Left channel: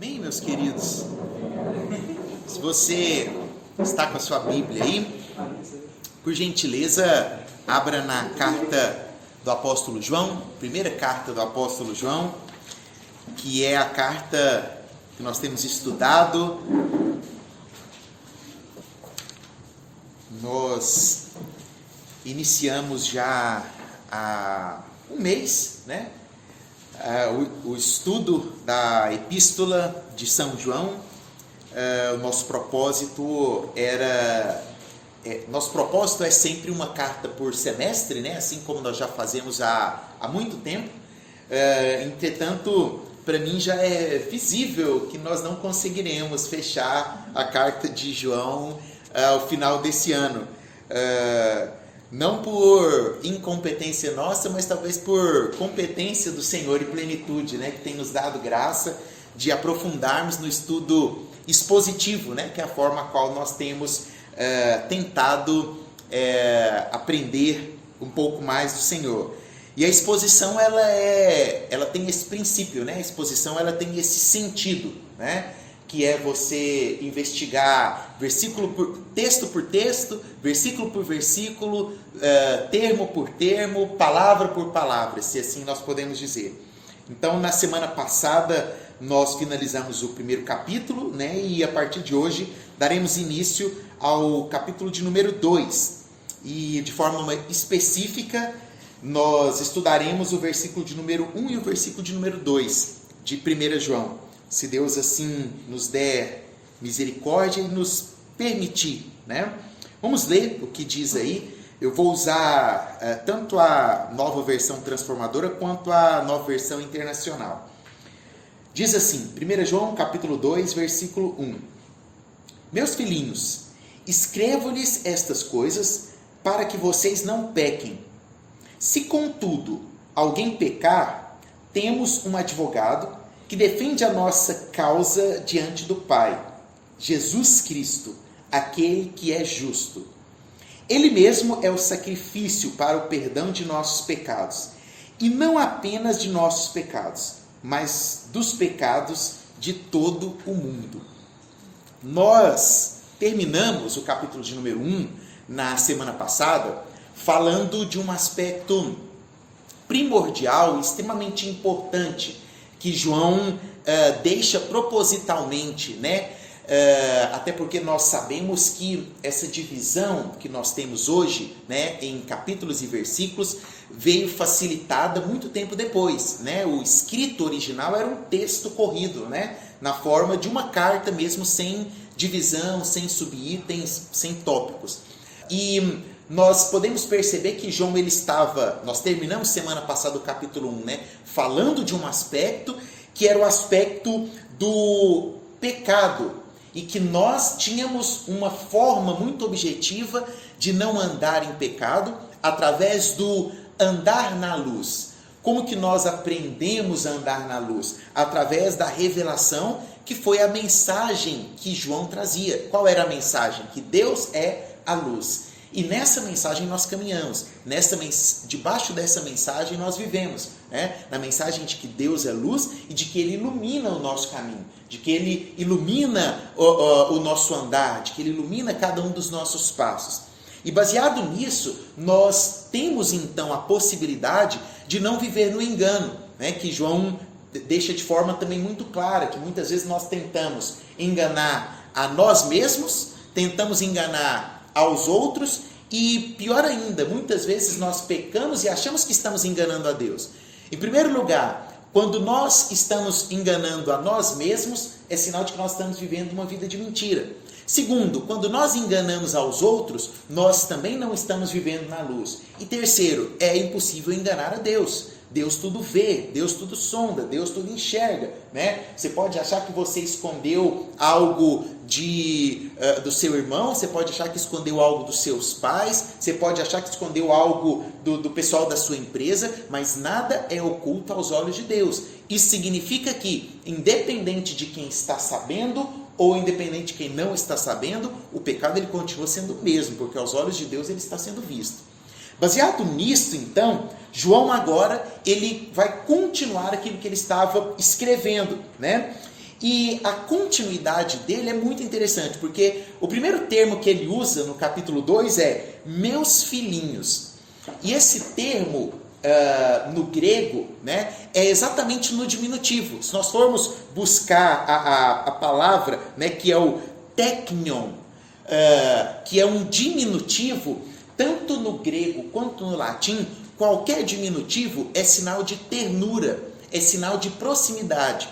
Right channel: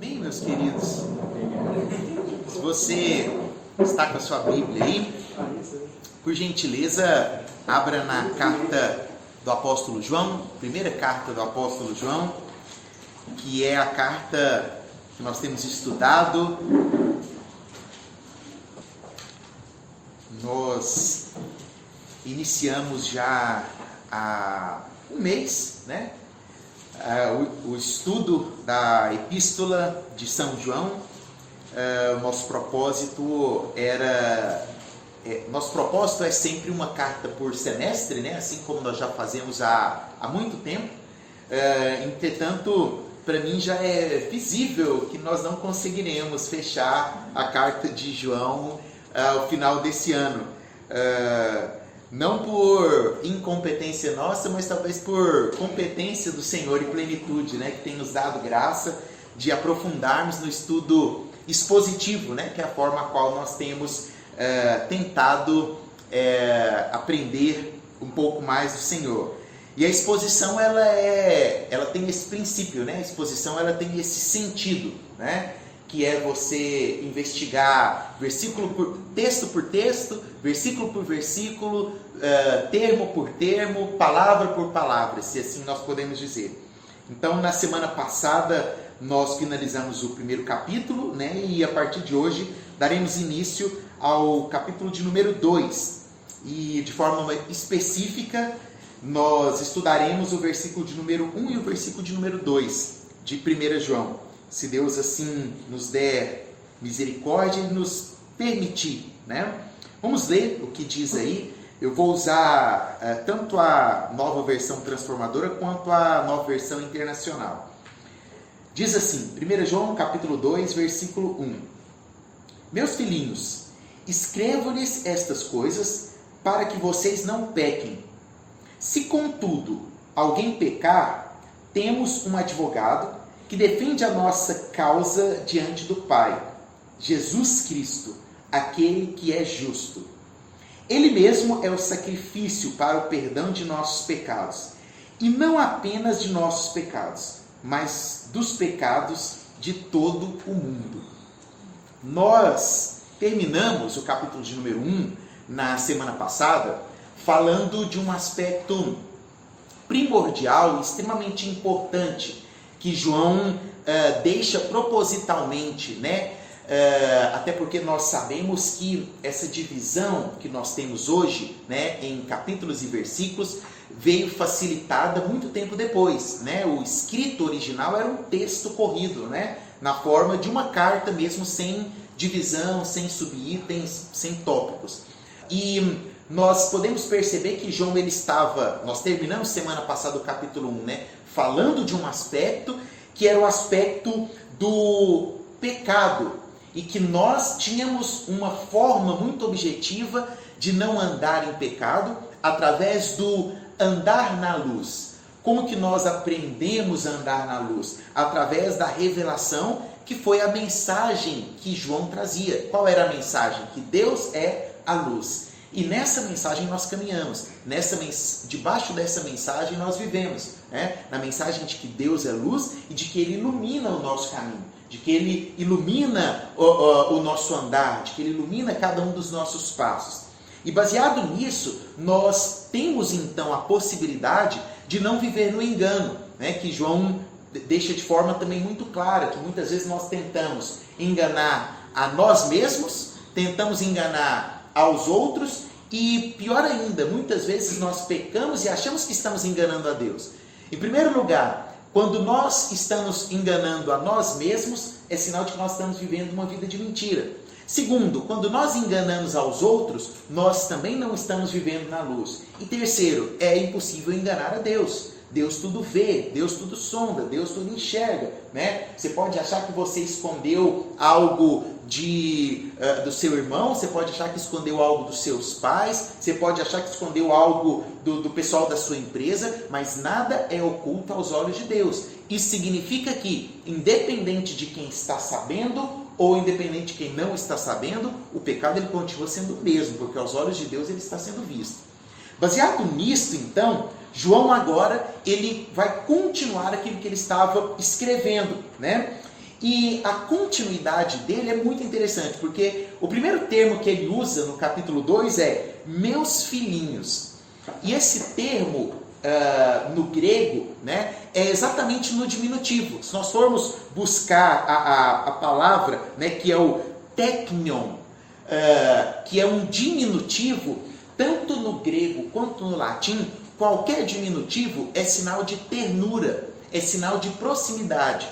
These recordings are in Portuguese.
Bem, meus queridos, se você está com a sua Bíblia aí, por gentileza, abra na carta do apóstolo João, primeira carta do apóstolo João, que é a carta que nós temos estudado. Nós iniciamos já há um mês, né? O estudo da Epístola de São João. O nosso propósito é sempre uma carta por semestre, né? Assim como nós já fazemos há muito tempo. Entretanto, para mim já é visível que nós não conseguiremos fechar a carta de João ao final desse ano. Não por incompetência nossa, mas talvez por competência do Senhor e plenitude, né? Que tem nos dado graça de aprofundarmos no estudo expositivo, né? Que é a forma a qual nós temos tentado aprender um pouco mais do Senhor. E a exposição ela tem esse princípio, né? A exposição ela tem esse sentido, né? Que é você investigar texto por texto, versículo por versículo, termo por termo, palavra por palavra, se assim nós podemos dizer. Então, na semana passada, nós finalizamos o primeiro capítulo, né? E a partir de hoje, daremos início ao capítulo de número 2. E de forma específica, nós estudaremos o versículo de número 1 e o versículo de número 2 de 1 João. Se Deus assim nos der misericórdia e nos permitir, né? Vamos ler o que diz aí. Eu vou usar tanto a nova versão transformadora quanto a nova versão internacional. Diz assim, 1 João capítulo 2, versículo 1. Meus filhinhos, escrevo-lhes estas coisas para que vocês não pequem. Se, contudo, alguém pecar, temos um advogado que defende a nossa causa diante do Pai, Jesus Cristo, aquele que é justo. Ele mesmo é o sacrifício para o perdão de nossos pecados, e não apenas de nossos pecados, mas dos pecados de todo o mundo. Nós terminamos o capítulo de número 1 na semana passada, falando de um aspecto primordial e extremamente importante que João deixa propositalmente, né? Até porque nós sabemos que essa divisão que nós temos hoje, né, em capítulos e versículos, veio facilitada muito tempo depois, né? O escrito original era um texto corrido, né? Na forma de uma carta mesmo, sem divisão, sem subitens, sem tópicos. E nós podemos perceber que João nós terminamos semana passada o capítulo 1, né, falando de um aspecto que era o aspecto do pecado, e que nós tínhamos uma forma muito objetiva de não andar em pecado através do andar na luz. Como que nós aprendemos a andar na luz? Através da revelação, que foi a mensagem que João trazia. Qual era a mensagem? Que Deus é a luz. E nessa mensagem nós caminhamos, debaixo dessa mensagem nós vivemos, né? Na mensagem de que Deus é luz e de que Ele ilumina o nosso caminho, de que Ele ilumina o nosso andar, de que Ele ilumina cada um dos nossos passos. E baseado nisso, nós temos então a possibilidade de não viver no engano, né? Que João deixa de forma também muito clara, que muitas vezes nós tentamos enganar a nós mesmos, tentamos enganar aos outros e, pior ainda, muitas vezes nós pecamos e achamos que estamos enganando a Deus. Em primeiro lugar, quando nós estamos enganando a nós mesmos, é sinal de que nós estamos vivendo uma vida de mentira. Segundo, quando nós enganamos aos outros, nós também não estamos vivendo na luz. E terceiro, é impossível enganar a Deus. Deus tudo vê, Deus tudo sonda, Deus tudo enxerga, né? Você pode achar que você escondeu algo do seu irmão, você pode achar que escondeu algo dos seus pais, você pode achar que escondeu algo do pessoal da sua empresa, mas nada é oculto aos olhos de Deus. Isso significa que, independente de quem está sabendo ou independente de quem não está sabendo, o pecado ele continua sendo o mesmo, porque aos olhos de Deus ele está sendo visto. Baseado nisso, então, João agora ele vai continuar aquilo que ele estava escrevendo, né? E a continuidade dele é muito interessante, porque o primeiro termo que ele usa no capítulo 2 é meus filhinhos. E esse termo no grego, né, é exatamente no diminutivo. Se nós formos buscar a palavra, né, que é o teknion, que é um diminutivo, tanto no grego quanto no latim, qualquer diminutivo é sinal de ternura, é sinal de proximidade.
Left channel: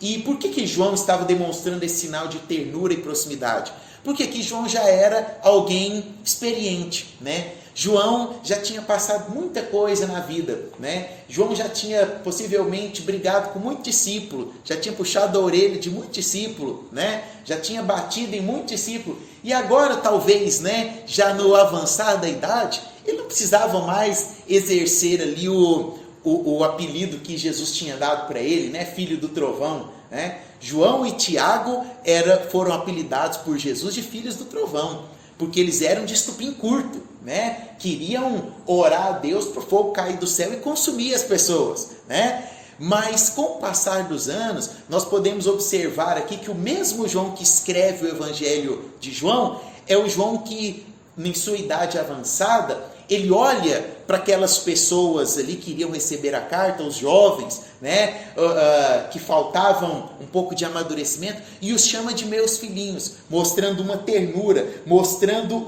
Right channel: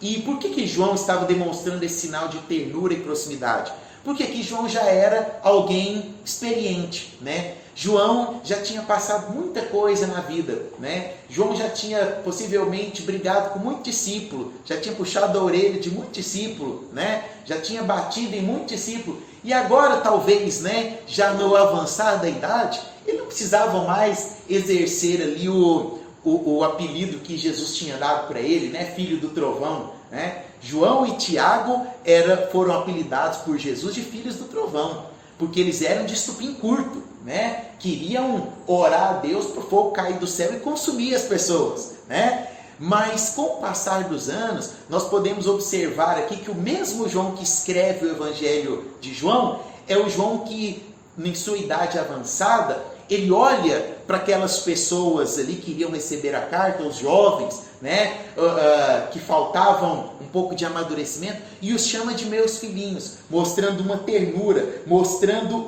E por que João estava demonstrando esse sinal de ternura e proximidade? Porque aqui João já era alguém experiente, né? João já tinha passado muita coisa na vida, né? João já tinha possivelmente brigado com muito discípulo, já tinha puxado a orelha de muito discípulo, né? Já tinha batido em muito discípulo. E agora, talvez, né, já no avançar da idade, ele não precisava mais exercer ali o apelido que Jesus tinha dado para ele, né? Filho do trovão, né? João e Tiago foram apelidados por Jesus de filhos do trovão, porque eles eram de estupim curto, né? Queriam orar a Deus para o fogo cair do céu e consumir as pessoas, né? Mas com o passar dos anos, nós podemos observar aqui que o mesmo João que escreve o Evangelho de João é o João que, em sua idade avançada, ele olha para aquelas pessoas ali que iriam receber a carta, os jovens, né, que faltavam um pouco de amadurecimento, e os chama de meus filhinhos, mostrando uma ternura, mostrando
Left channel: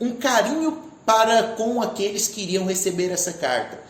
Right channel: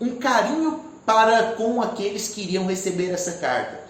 um carinho para com aqueles que iriam receber essa carta.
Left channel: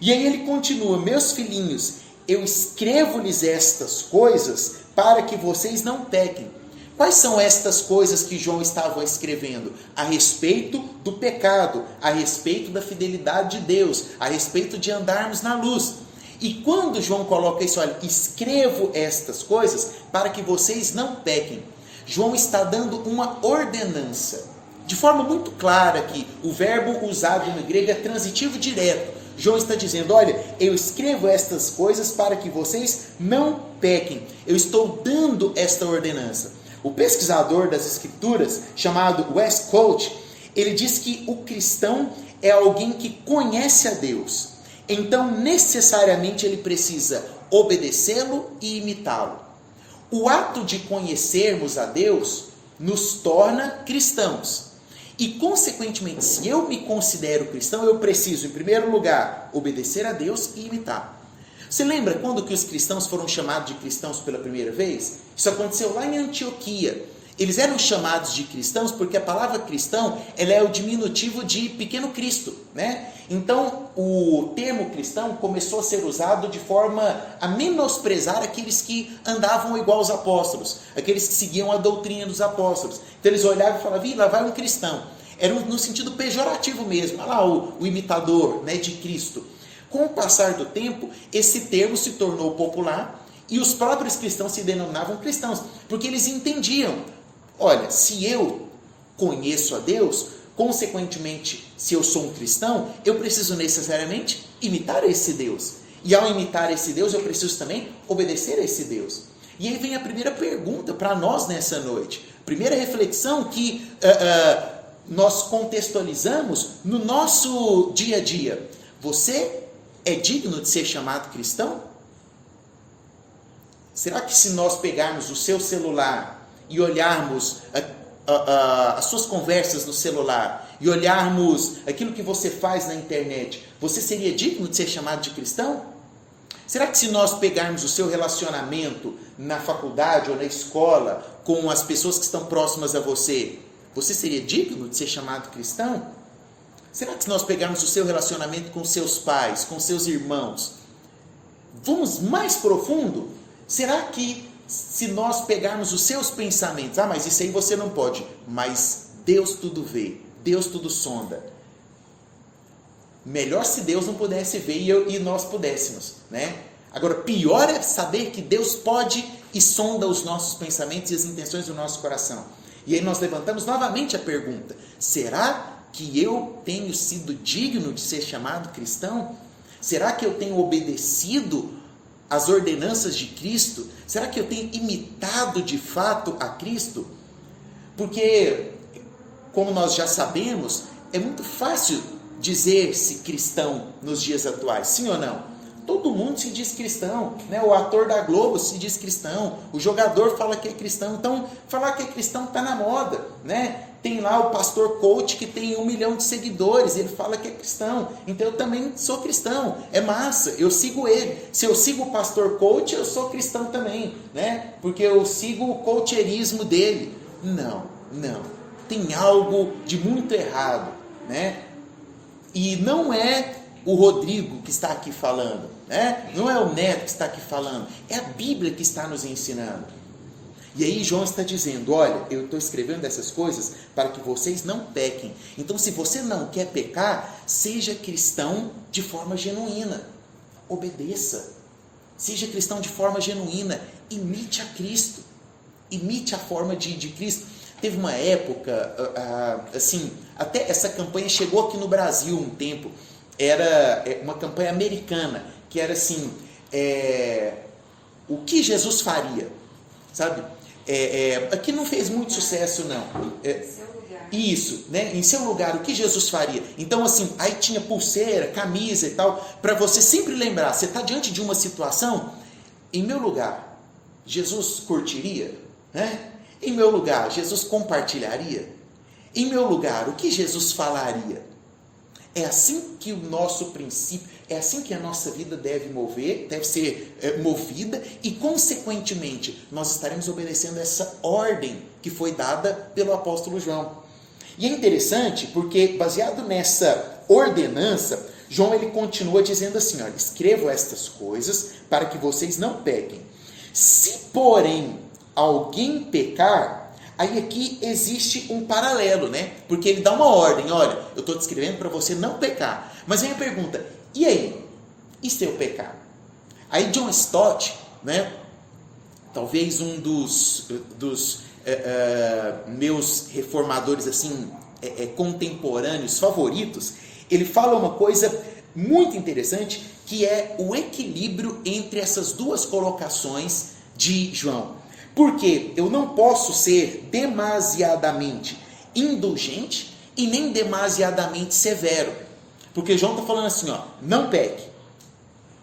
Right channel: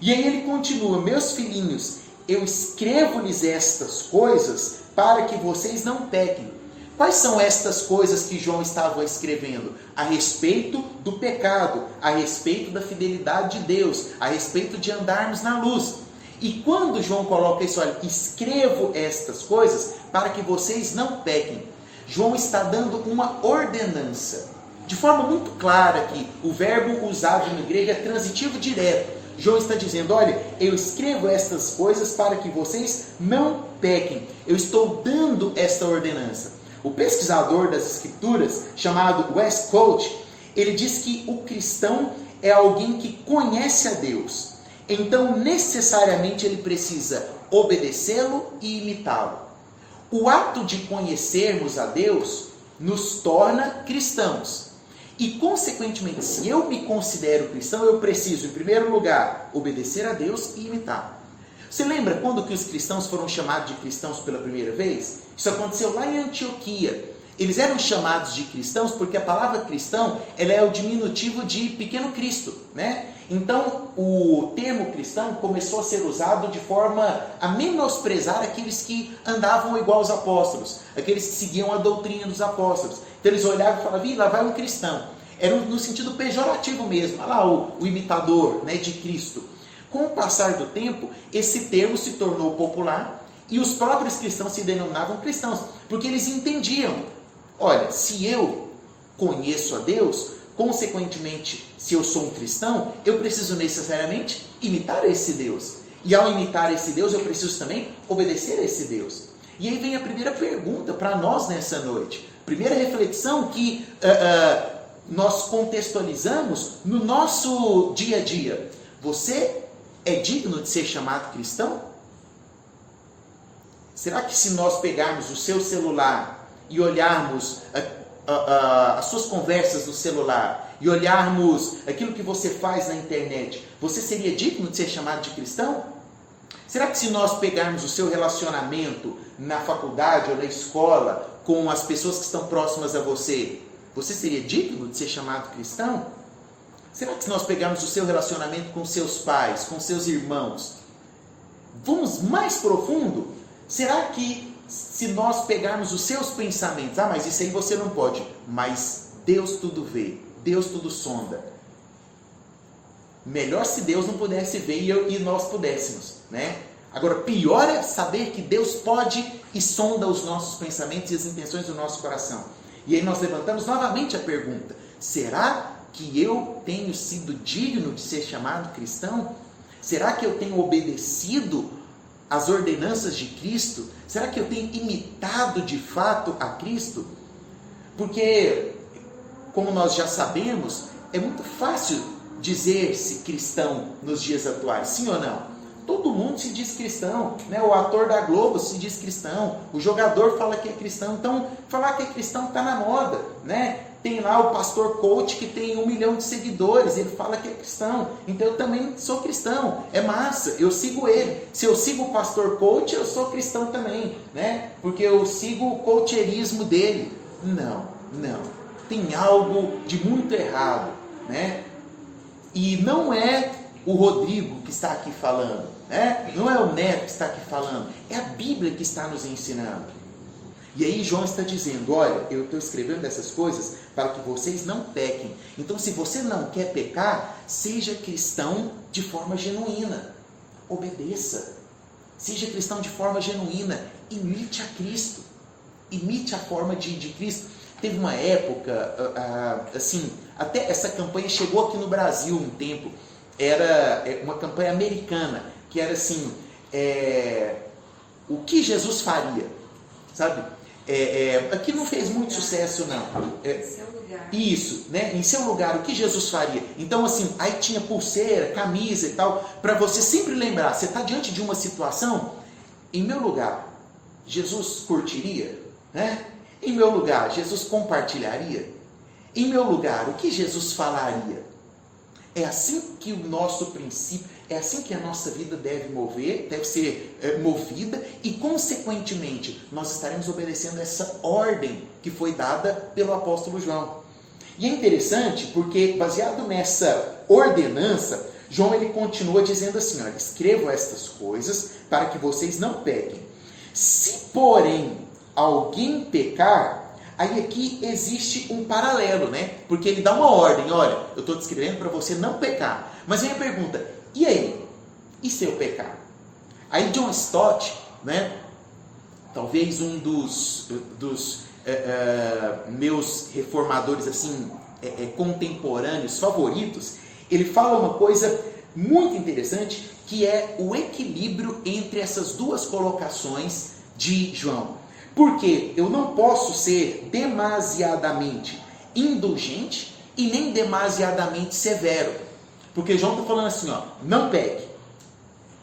E aí ele continua: meus filhinhos, eu escrevo-lhes estas coisas para que vocês não pequem. Quais são estas coisas que João estava escrevendo? A respeito do pecado, a respeito da fidelidade de Deus, a respeito de andarmos na luz. E quando João coloca isso, olha, escrevo estas coisas para que vocês não pequem, João está dando uma ordenança. De forma muito clara aqui, o verbo usado no grego é transitivo direto. João está dizendo: olha, eu escrevo estas coisas para que vocês não pequem. Eu estou dando esta ordenança. O pesquisador das escrituras, chamado Westcott, ele diz que o cristão é alguém que conhece a Deus. Então, necessariamente, ele precisa obedecê-lo e imitá-lo. O ato de conhecermos a Deus nos torna cristãos. E, consequentemente, se eu me considero cristão, eu preciso, em primeiro lugar, obedecer a Deus e imitá-lo. Você lembra quando que os cristãos foram chamados de cristãos pela primeira vez? Isso aconteceu lá em Antioquia. Eles eram chamados de cristãos porque a palavra cristão, ela é o diminutivo de pequeno Cristo, né? Então, o termo cristão começou a ser usado de forma a menosprezar aqueles que andavam igual aos apóstolos, aqueles que seguiam a doutrina dos apóstolos. Então, eles olhavam e falavam: lá vai um cristão. Era no sentido pejorativo mesmo. Olha lá o imitador, né, de Cristo. Com o passar do tempo, esse termo se tornou popular e os próprios cristãos se denominavam cristãos, porque eles entendiam: olha, se eu conheço a Deus, consequentemente, se eu sou um cristão, eu preciso necessariamente imitar esse Deus. E ao imitar esse Deus, eu preciso também obedecer a esse Deus. E aí vem a primeira pergunta para nós nessa noite. Primeira reflexão que nós contextualizamos no nosso dia a dia. Você é digno de ser chamado cristão? Será que se nós pegarmos o seu celular e olharmos as suas conversas no celular e olharmos aquilo que você faz na internet, você seria digno de ser chamado de cristão? Será que se nós pegarmos o seu relacionamento na faculdade ou na escola com as pessoas que estão próximas a você, você seria digno de ser chamado cristão? Será que se nós pegarmos o seu relacionamento com seus pais, com seus irmãos, vamos mais profundo? Será que se nós pegarmos os seus pensamentos, mas isso aí você não pode, mas Deus tudo vê, Deus tudo sonda. Melhor se Deus não pudesse ver e nós pudéssemos, né? Agora, pior é saber que Deus pode e sonda os nossos pensamentos e as intenções do nosso coração. E aí nós levantamos novamente a pergunta: será que eu tenho sido digno de ser chamado cristão? Será que eu tenho obedecido às ordenanças de Cristo? Será que eu tenho imitado de fato a Cristo? Porque, como nós já sabemos, é muito fácil dizer-se cristão nos dias atuais, sim ou não? todo mundo se diz cristão, né? O ator da Globo se diz cristão, o jogador fala que é cristão, então falar que é cristão está na moda, né? Tem lá o pastor coach que tem 1 milhão de seguidores, ele fala que é cristão, então eu também sou cristão, é massa, eu sigo ele. Se eu sigo o pastor coach, eu sou cristão também, né? Porque eu sigo o coacheirismo dele. Não, tem algo de muito errado, né? E não é o Rodrigo que está aqui falando, né? Não é o Neto que está aqui falando, é a Bíblia que está nos ensinando. E aí João está dizendo, olha, eu estou escrevendo essas coisas para que vocês não pequem. Então, se você não quer pecar, seja cristão de forma genuína. Obedeça. Seja cristão de forma genuína. Imite a Cristo. Imite a forma de Cristo. Teve uma época, assim, até essa campanha chegou aqui no Brasil um tempo. Era uma campanha americana, que era assim, o que Jesus faria? Sabe? Aqui não fez muito sucesso, não. Seu lugar. Isso, né? Em seu lugar, o que Jesus faria? Então, assim, aí tinha pulseira, camisa e tal, para você sempre lembrar, você está diante de uma situação, em meu lugar, Jesus curtiria, né? Em meu lugar, Jesus compartilharia? Em meu lugar, o que Jesus falaria? É assim que o nosso princípio, é assim que a nossa vida deve ser movida e, consequentemente, nós estaremos obedecendo essa ordem que foi dada pelo apóstolo João. E é interessante porque, baseado nessa ordenança, João ele continua dizendo assim, olha, escrevo estas coisas para que vocês não pequem. Se, porém, alguém pecar, aí aqui existe um paralelo, né? Porque ele dá uma ordem, olha, eu estou descrevendo para você não pecar. Mas vem a pergunta, e aí? E se eu pecar? Aí John Stott, né? Talvez um dos meus reformadores assim, contemporâneos favoritos, ele fala uma coisa muito interessante, que é o equilíbrio entre essas duas colocações de João. Porque eu não posso ser demasiadamente indulgente e nem demasiadamente severo. Porque João está falando assim, ó, não peque.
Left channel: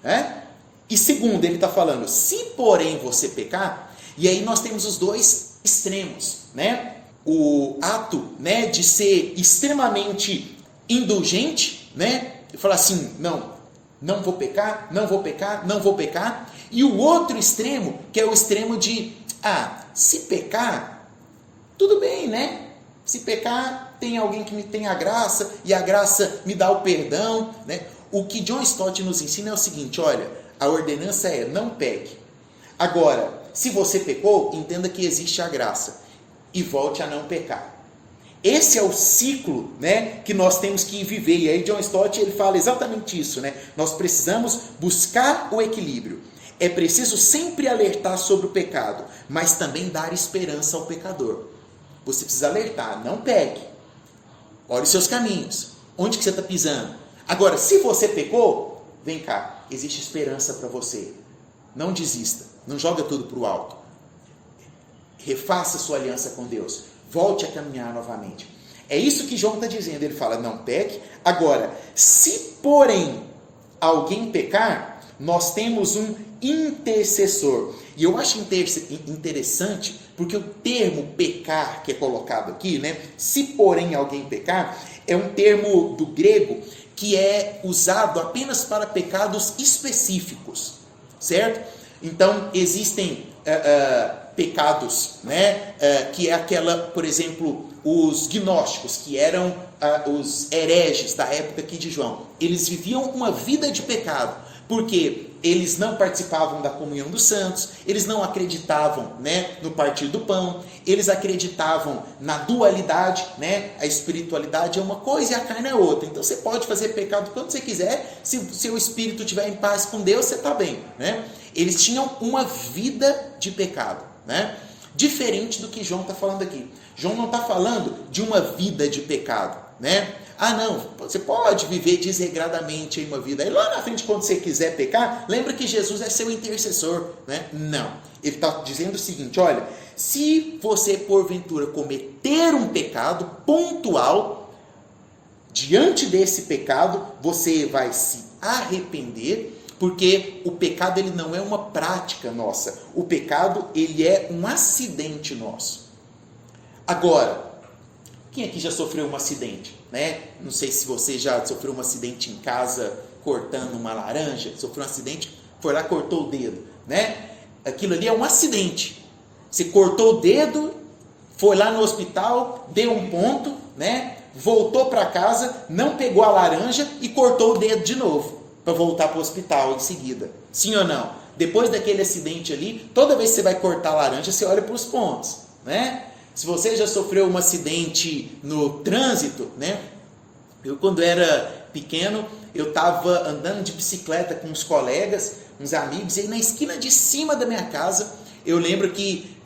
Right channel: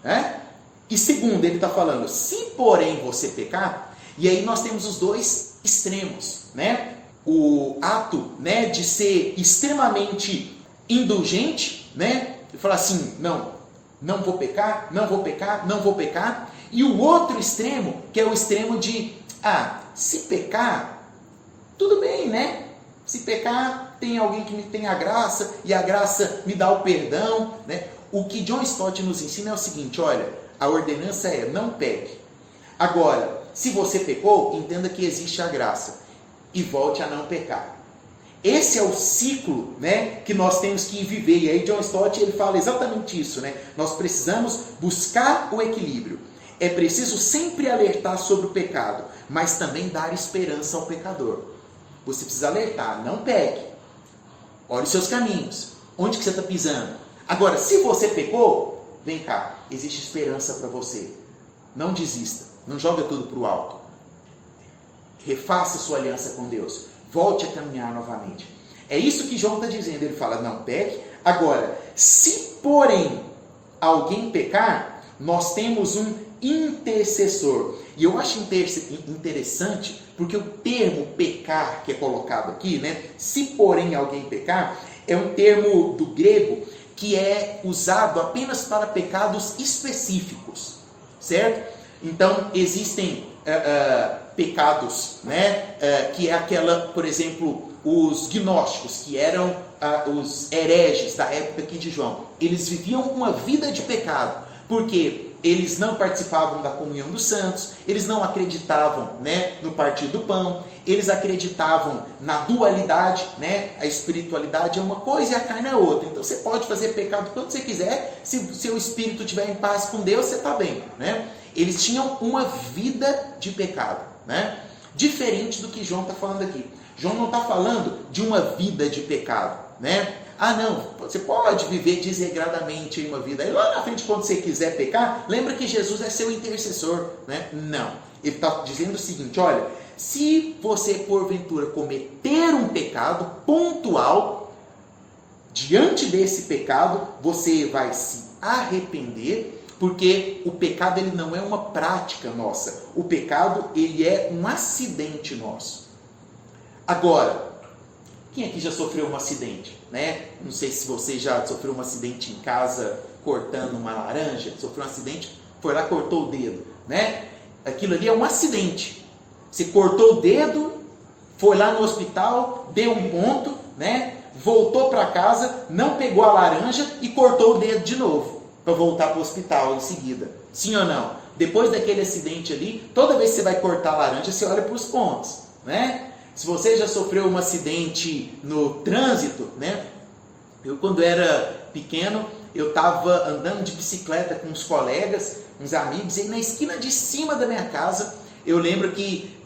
Né? E segundo, ele está falando, se porém você pecar, e aí nós temos os dois extremos, né? O ato, né, de ser extremamente indulgente, né? E falar assim, não vou pecar, não vou pecar, não vou pecar. E o outro extremo, que é o extremo de, se pecar, tudo bem, né? Se pecar, tem alguém que me tem a graça, e a graça me dá o perdão, né? O que John Stott nos ensina é o seguinte, olha, a ordenança é, não peque. Agora, se você pecou, entenda que existe a graça, e volte a não pecar. Esse é o ciclo, né, que nós temos que viver, e aí John Stott ele fala exatamente isso, né? Nós precisamos buscar o equilíbrio. É preciso sempre alertar sobre o pecado, mas também dar esperança ao pecador. Você precisa alertar, não peque. Olhe os seus caminhos. Onde que você está pisando? Agora, se você pecou, vem cá, existe esperança para você. Não desista, não joga tudo para o alto. Refaça sua aliança com Deus. Volte a caminhar novamente. É isso que João está dizendo. Ele fala, não peque. Agora, se porém alguém pecar, nós temos um intercessor. E eu acho interessante, porque o termo pecar que é colocado aqui, né? Se porém alguém pecar, é um termo do grego que é usado apenas para pecados específicos, certo? Então, existem pecados, né? Que é aquela, por exemplo, os gnósticos, que eram os hereges da época aqui de João. Eles viviam uma vida de pecado, porque eles não participavam da comunhão dos santos, eles não acreditavam, né, no partir do pão, eles acreditavam na dualidade, né? A espiritualidade é uma coisa e a carne é outra. Então você pode fazer pecado quando você quiser, se o seu espírito estiver em paz com Deus, você está bem, né? Eles tinham uma vida de pecado, né? Diferente do que João está falando aqui. João não está falando de uma vida de pecado, né? Não, você pode viver desregradamente em uma vida. Aí lá na frente, quando você quiser pecar, lembra que Jesus é seu intercessor, né? Não. Ele está dizendo o seguinte, olha, se você porventura cometer um pecado pontual, diante desse pecado, você vai se arrepender, Porque o pecado ele não é uma prática nossa. O pecado ele é um acidente nosso. Agora, quem aqui já sofreu um acidente, né? Não sei se você já sofreu um acidente em casa cortando uma laranja. Sofreu um acidente, foi lá, cortou o dedo, né? Aquilo ali é um acidente. Você cortou o dedo, foi lá no hospital, deu um ponto, né? Voltou para casa, não pegou a laranja e cortou o dedo de novo para voltar para o hospital em seguida. Sim ou não? Depois daquele acidente ali, toda vez que você vai cortar a laranja, você olha para os pontos, né? Se você já sofreu um acidente no trânsito, né? Eu, quando era pequeno, eu estava andando de bicicleta com uns colegas, uns amigos, e aí na esquina de cima da minha casa, eu lembro que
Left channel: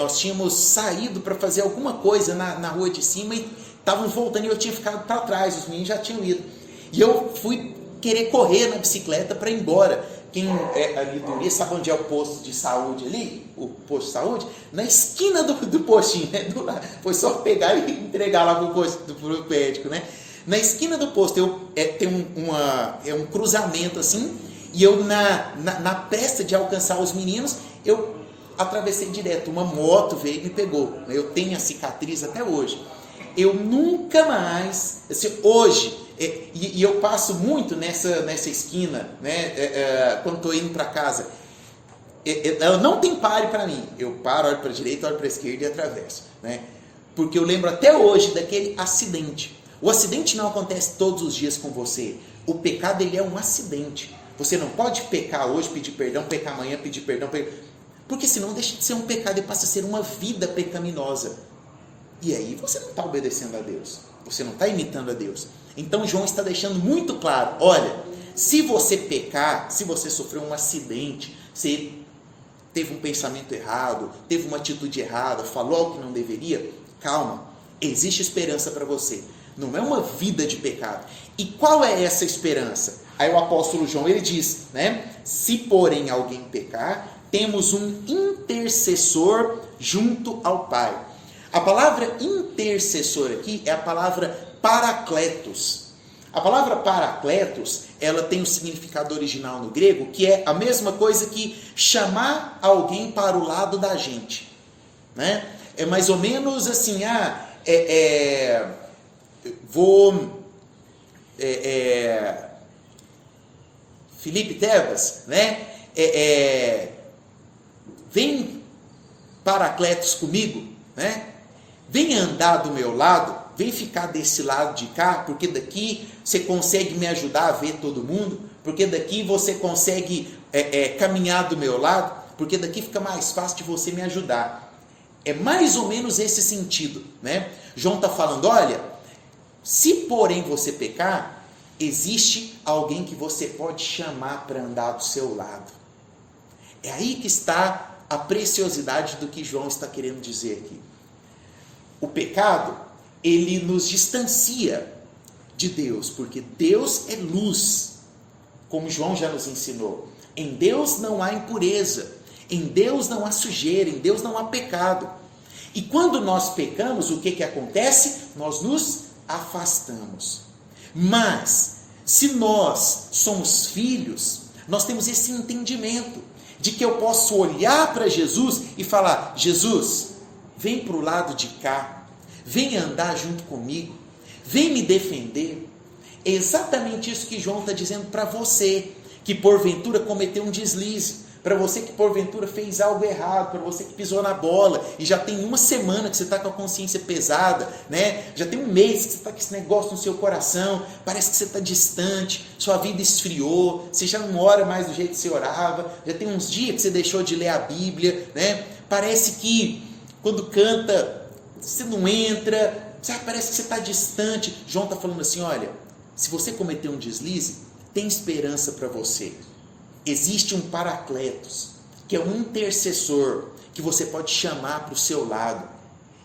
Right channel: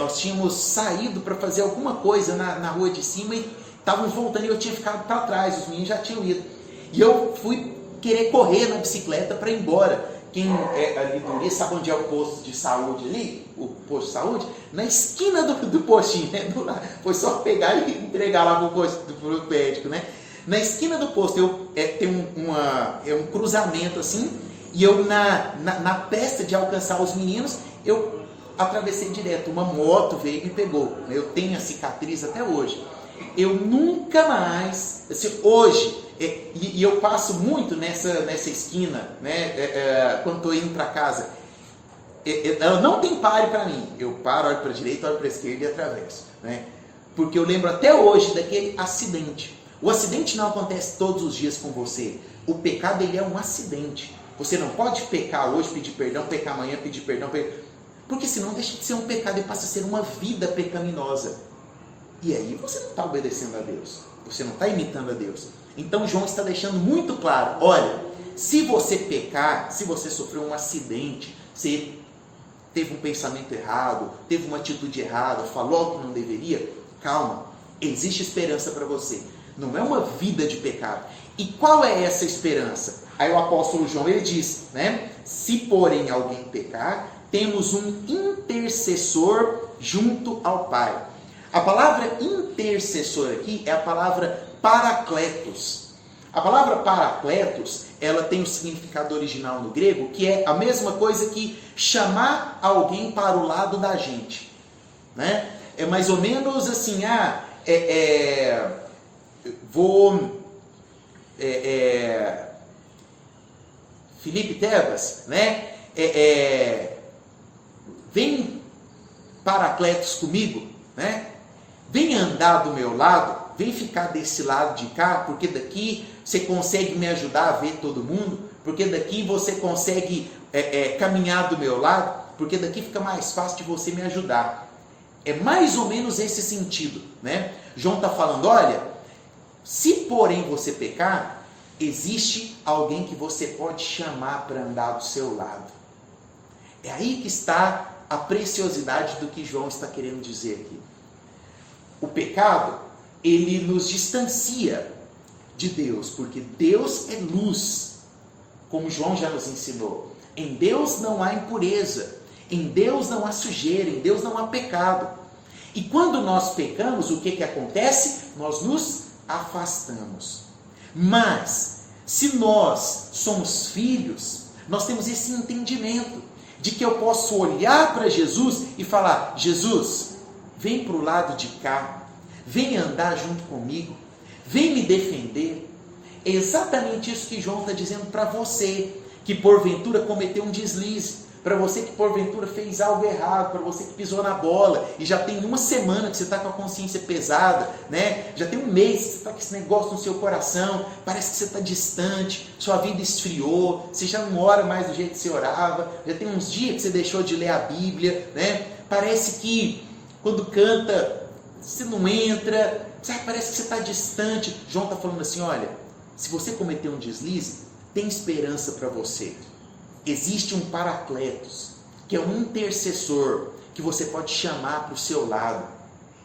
nós tínhamos saído para fazer alguma coisa na rua de cima e estávamos voltando e eu tinha ficado para trás, os meninos já tinham ido. E eu fui querer correr na bicicleta para ir embora. Quem é ali do Uri, sabe onde é o posto de saúde ali? O posto de saúde? Na esquina do postinho, né? Foi só pegar e entregar lá pro médico, né? Na esquina do posto tem um cruzamento assim, e eu na pressa de alcançar os meninos, eu atravessei direto, uma moto veio e me pegou. Eu tenho a cicatriz até hoje. Eu nunca mais, assim, hoje, e eu passo muito nessa esquina, né, quando estou indo para casa, não tem pare para mim, eu paro, olho para a direita, olho para a esquerda e atravesso, né, porque eu lembro até hoje daquele acidente. O acidente não acontece todos os dias com você, o pecado ele é um acidente. Você não pode pecar hoje, pedir perdão, pecar amanhã, pedir perdão, porque senão deixa de ser um pecado e passa a ser uma vida pecaminosa. E aí você não está obedecendo a Deus, você não está imitando a Deus. Então João está deixando muito claro, olha, se você pecar, se você sofreu um acidente, você teve um pensamento errado, teve uma atitude errada, falou algo que não deveria, calma, existe esperança para você. Não é uma vida de pecado. E qual é essa esperança? Aí o apóstolo João, ele diz, né? Se porém alguém pecar, temos um intercessor junto ao Pai. A palavra intercessor aqui é a palavra paracletos. A palavra paracletos, ela tem o significado original no grego, que é a mesma coisa que chamar alguém para o lado da gente, né? É mais ou menos assim, Felipe Tebas, né? Vem paracletos comigo, né? Vem andar do meu lado, vem ficar desse lado de cá, porque daqui você consegue me ajudar a ver todo mundo, porque daqui você consegue caminhar do meu lado, porque daqui fica mais fácil de você me ajudar. É mais ou menos esse sentido, né? João está falando, olha, se porém você pecar, existe alguém que você pode chamar para andar do seu lado. É aí que está a preciosidade do que João está querendo dizer aqui. O pecado, ele nos distancia de Deus, porque Deus é luz, como João já nos ensinou. Em Deus não há impureza, em Deus não há sujeira, em Deus não há pecado. E quando nós pecamos, o que acontece? Nós nos afastamos. Mas, se nós somos filhos, nós temos esse entendimento de que eu posso olhar para Jesus e falar, Jesus, vem para o lado de cá, vem andar junto comigo, vem me defender. É exatamente isso que João está dizendo para você, que porventura cometeu um deslize, para você que porventura fez algo errado, para você que pisou na bola, e já tem uma semana que você está com a consciência pesada, né? Já tem um mês que você está com esse negócio no seu coração, parece que você está distante, sua vida esfriou, você já não ora mais do jeito que você orava, já tem uns dias que você deixou de ler a Bíblia, né? Parece que quando canta, você não entra, sabe? Parece que você está distante. João está falando assim, olha, se você cometeu um deslize, tem esperança para você. Existe um paracletos, que é um intercessor, que você pode chamar para o seu lado.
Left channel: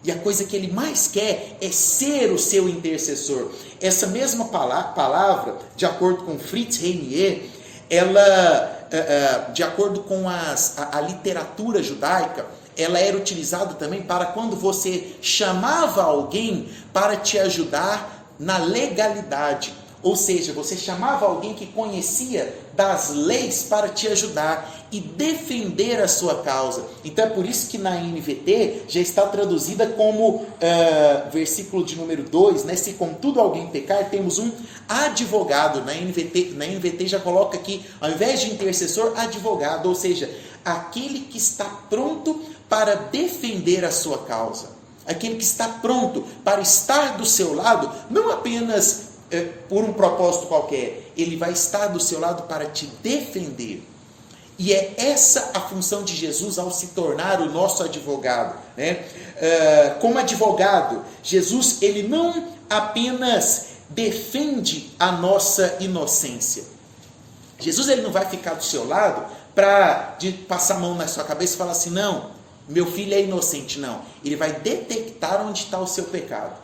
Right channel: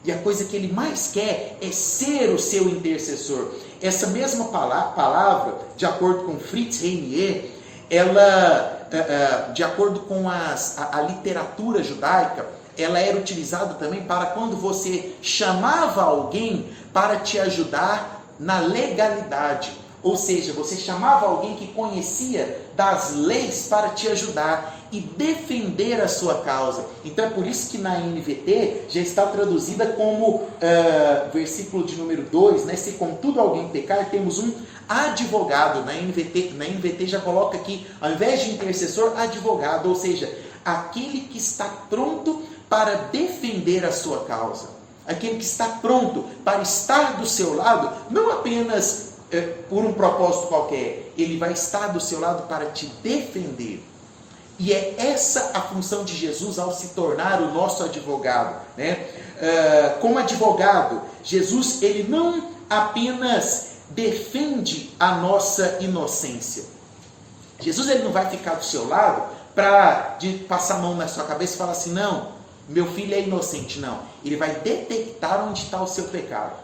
E a coisa que ele mais quer é ser o seu intercessor. Essa mesma palavra, de acordo com Fritz Reinier, ela, de acordo com a literatura judaica, ela era utilizada também para quando você chamava alguém para te ajudar na legalidade. ou seja, você chamava alguém que conhecia das leis para te ajudar e defender a sua causa. Então é por isso que na NVT já está traduzida como, versículo de número 2, né? Se contudo alguém pecar, temos um advogado. Na NVT já coloca aqui, ao invés de intercessor, advogado, ou seja, aquele que está pronto para defender a sua causa, aquele que está pronto para estar do seu lado, não apenas por um propósito qualquer, ele vai estar do seu lado para te defender. E é essa a função de Jesus ao se tornar o nosso advogado, né? Como advogado, Jesus, ele não apenas defende a nossa inocência. Jesus, ele não vai ficar do seu lado para passar a mão na sua cabeça e falar assim, não, meu filho é inocente. Não, ele vai detectar onde está o seu pecado.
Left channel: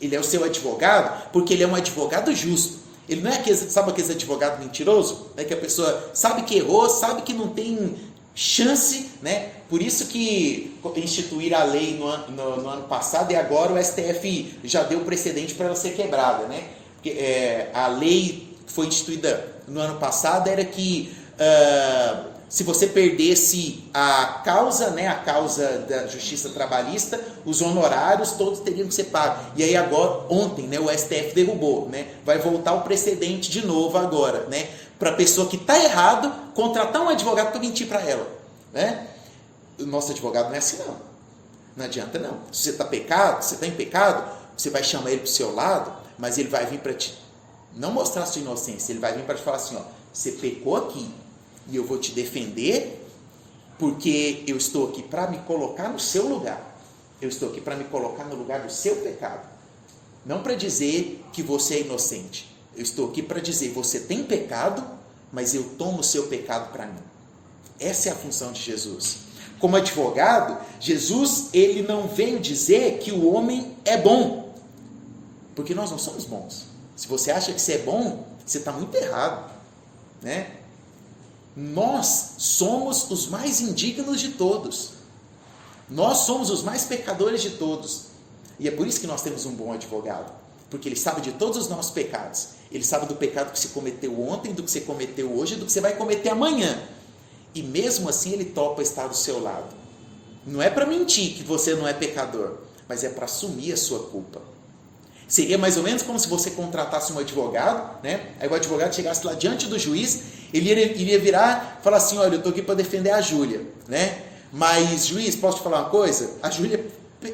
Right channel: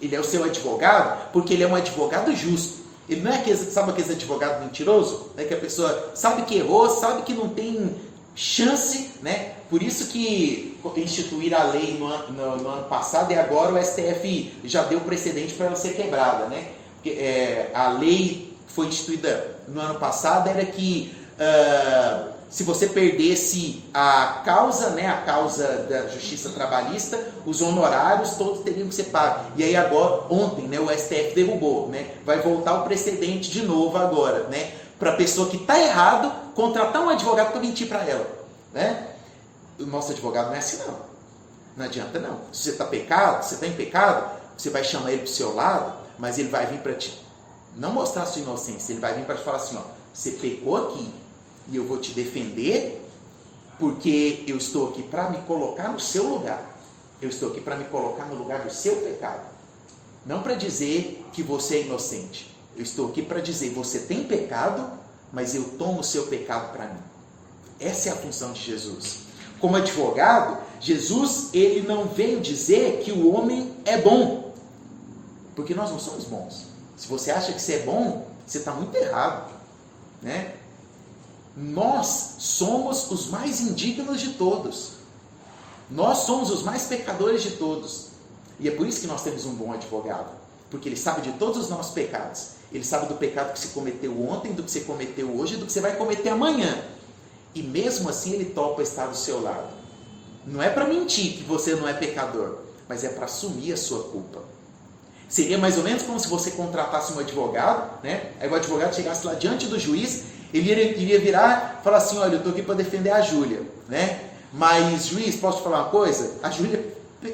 Ele é o seu advogado porque ele é um advogado justo. Ele não é aquele advogado mentiroso, né, que a pessoa sabe que errou, sabe que não tem chance, né? Por isso que instituir a lei no ano passado, e agora o STF já deu precedente para ela ser quebrada, né? A lei que foi instituída no ano passado era que se você perdesse a causa, né, a causa da justiça trabalhista, os honorários todos teriam que ser pagos. E aí agora, ontem, né, o STF derrubou, né, vai voltar o precedente de novo agora, né, para a pessoa que está errado contratar um advogado para mentir para ela, né? O nosso advogado não é assim não. Não adianta não. Se você está em pecado, você vai chamar ele para o seu lado, mas ele vai vir para te não mostrar a sua inocência, ele vai vir para te falar assim, ó, você pecou aqui, e eu vou te defender, porque eu estou aqui para me colocar no seu lugar. Eu estou aqui para me colocar no lugar do seu pecado. Não para dizer que você é inocente. Eu estou aqui para dizer, você tem pecado, mas eu tomo o seu pecado para mim. Essa é a função de Jesus. Como advogado, Jesus, ele não veio dizer que o homem é bom. Porque nós não somos bons. Se você acha que você é bom, você está muito errado, né? Nós somos os mais indignos de todos. Nós somos os mais pecadores de todos. E é por isso que nós temos um bom advogado. Porque ele sabe de todos os nossos pecados. Ele sabe do pecado que você cometeu ontem, do que você cometeu hoje, do que você vai cometer amanhã. E mesmo assim ele topa estar do seu lado. Não é para mentir que você não é pecador, mas é para assumir a sua culpa. Seria mais ou menos como se você contratasse um advogado, né? Aí o advogado chegasse lá diante do juiz, ele iria virar e falar assim, olha, eu estou aqui para defender a Júlia, né? Mas, juiz, posso te falar uma coisa? A Júlia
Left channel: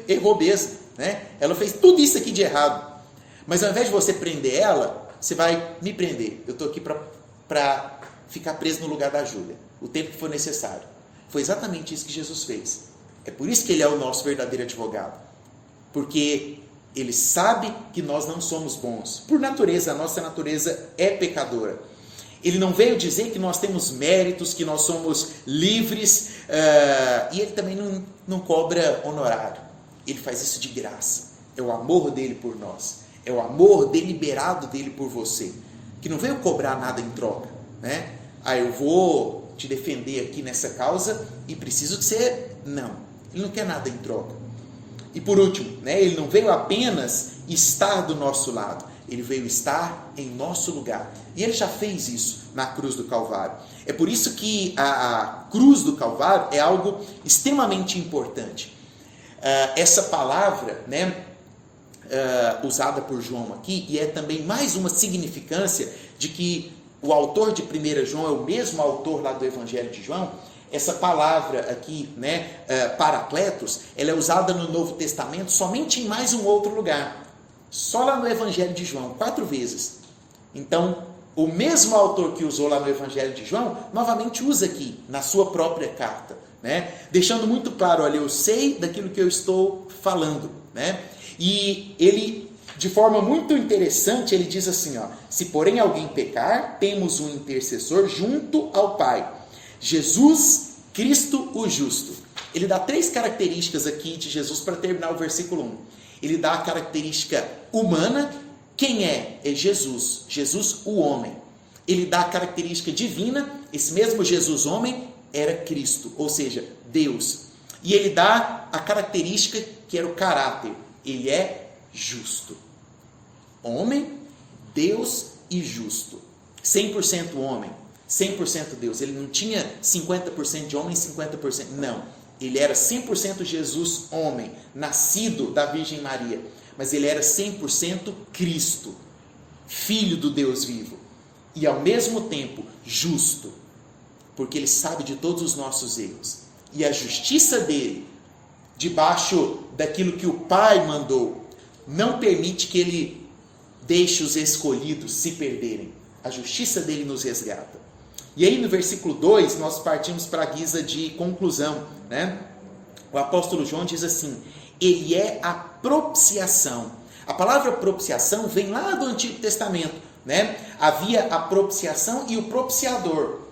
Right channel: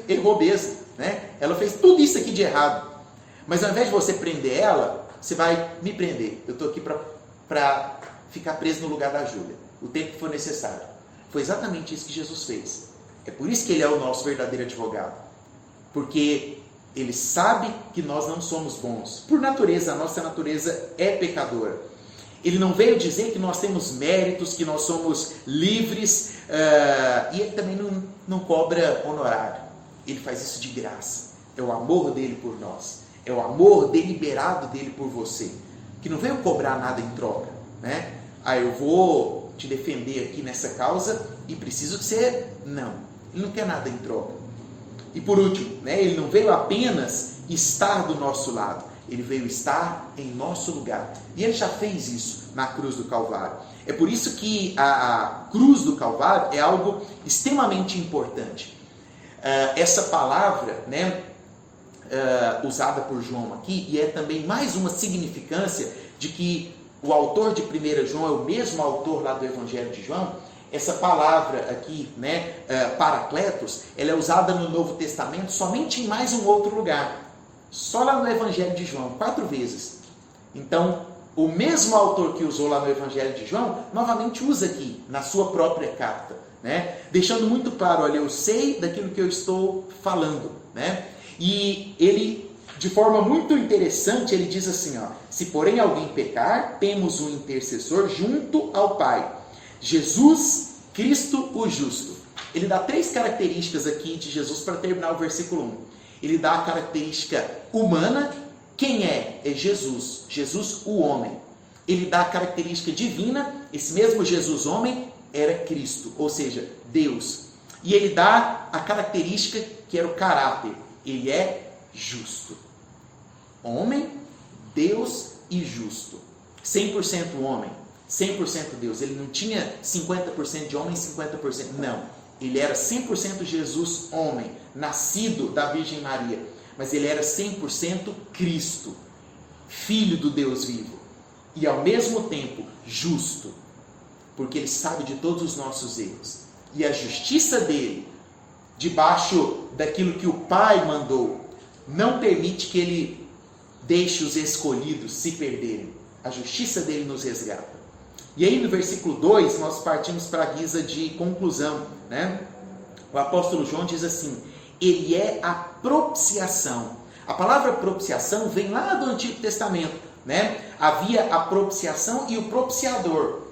errou mesmo, né? Ela fez tudo isso aqui de errado. Mas ao invés de você prender ela, você vai me prender. Eu estou aqui para ficar preso no lugar da Júlia, o tempo que for necessário. Foi exatamente isso que Jesus fez. É por isso que ele é o nosso verdadeiro advogado. Porque ele sabe que nós não somos bons. Por natureza, a nossa natureza é pecadora. Ele não veio dizer que nós temos méritos, que nós somos livres, e ele também não cobra honorário. Ele faz isso de graça. É o amor dele por nós. É o amor deliberado dele por você. Que não veio cobrar nada em troca, né? Eu vou te defender aqui nessa causa e preciso que você... Não, ele não quer nada em troca. E por último, né, ele não veio apenas estar do nosso lado, ele veio estar em nosso lugar. E ele já fez isso na cruz do Calvário. É por isso que a cruz do Calvário é algo extremamente importante. Essa palavra, né, usada por João aqui, e é também mais uma significância de que o autor de 1 João é o mesmo autor lá do Evangelho de João. Essa palavra aqui, né, Paracletos, ela é usada no Novo Testamento somente em mais um outro lugar. Só lá no Evangelho de João, 4 vezes. Então, o mesmo autor que usou lá no Evangelho de João, novamente usa aqui, na sua própria carta, né? Deixando muito claro, olha, eu sei daquilo que eu estou falando, né? E ele, de forma muito interessante, ele diz assim, ó, se porém alguém pecar, temos um intercessor junto ao Pai, Jesus Cristo o justo. Ele dá 3 características aqui de Jesus para terminar o versículo 1. Ele dá a característica humana. Quem é? É Jesus. Jesus, o homem. Ele dá a característica divina. Esse mesmo Jesus, homem, era Cristo, ou seja, Deus. E ele dá a característica que era o caráter. Ele é justo. Homem, Deus e justo. 100% homem, 100% Deus. Ele não tinha 50% de homem e 50%. Não. Ele era 100% Jesus homem, nascido da Virgem Maria. Mas ele era 100% Cristo, Filho do Deus vivo. E ao mesmo tempo justo. Porque ele sabe de todos os nossos erros. E a justiça dele, debaixo daquilo que o Pai mandou, não permite que ele deixe os escolhidos se perderem. A justiça dele nos resgata. E aí no versículo 2, nós partimos para a guisa de conclusão, né? O apóstolo João diz assim: ele é a propiciação. A palavra propiciação vem lá do Antigo Testamento, né? Havia a propiciação e o propiciador.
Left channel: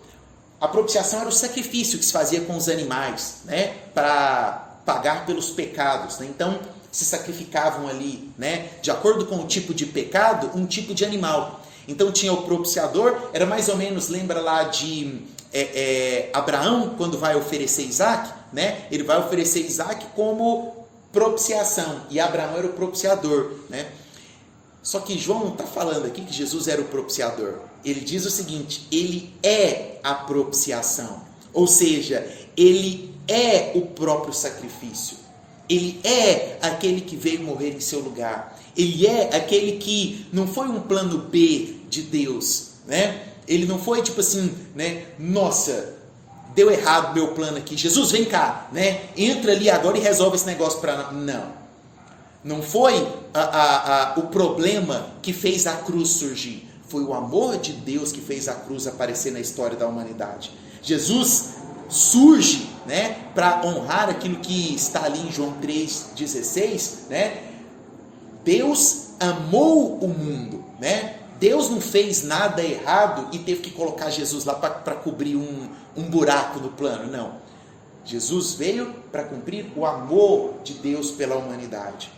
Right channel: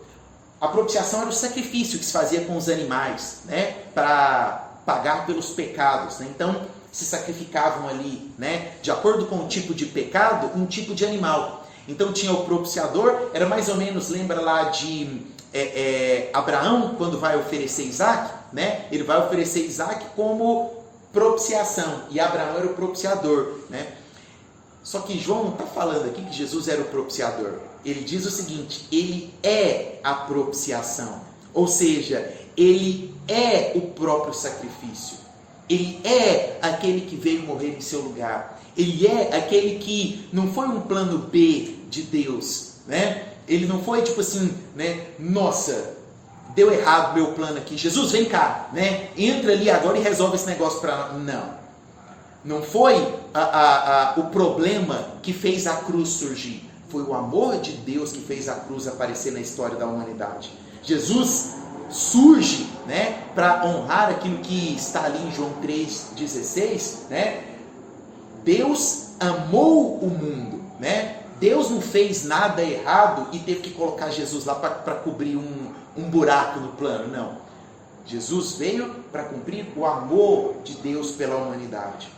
A propiciação era o sacrifício que se fazia com os animais, né? Para pagar pelos pecados, né? Então se sacrificavam ali, né? De acordo com o tipo de pecado, um tipo de animal. Então tinha o propiciador, era mais ou menos, lembra lá de Abraão, quando vai oferecer Isaac, né? Ele vai oferecer Isaac como propiciação, e Abraão era o propiciador, né? Só que João não está falando aqui que Jesus era o propiciador. Ele diz o seguinte: ele é a propiciação, ou seja, ele é o próprio sacrifício. Ele é aquele que veio morrer em seu lugar. Ele é aquele que não foi um plano B de Deus, né? Ele não foi tipo assim, né? Nossa, deu errado meu plano aqui. Jesus, vem cá, né? Entra ali agora e resolve esse negócio para nós. Não foi o problema que fez a cruz surgir. Foi o amor de Deus que fez a cruz aparecer na história da humanidade. Jesus surge, né, para honrar aquilo que está ali em João 3,16, né? Deus amou o mundo, né? Deus não fez nada errado e teve que colocar Jesus lá para cobrir um buraco no plano, não. Jesus veio para cumprir o amor de Deus pela humanidade.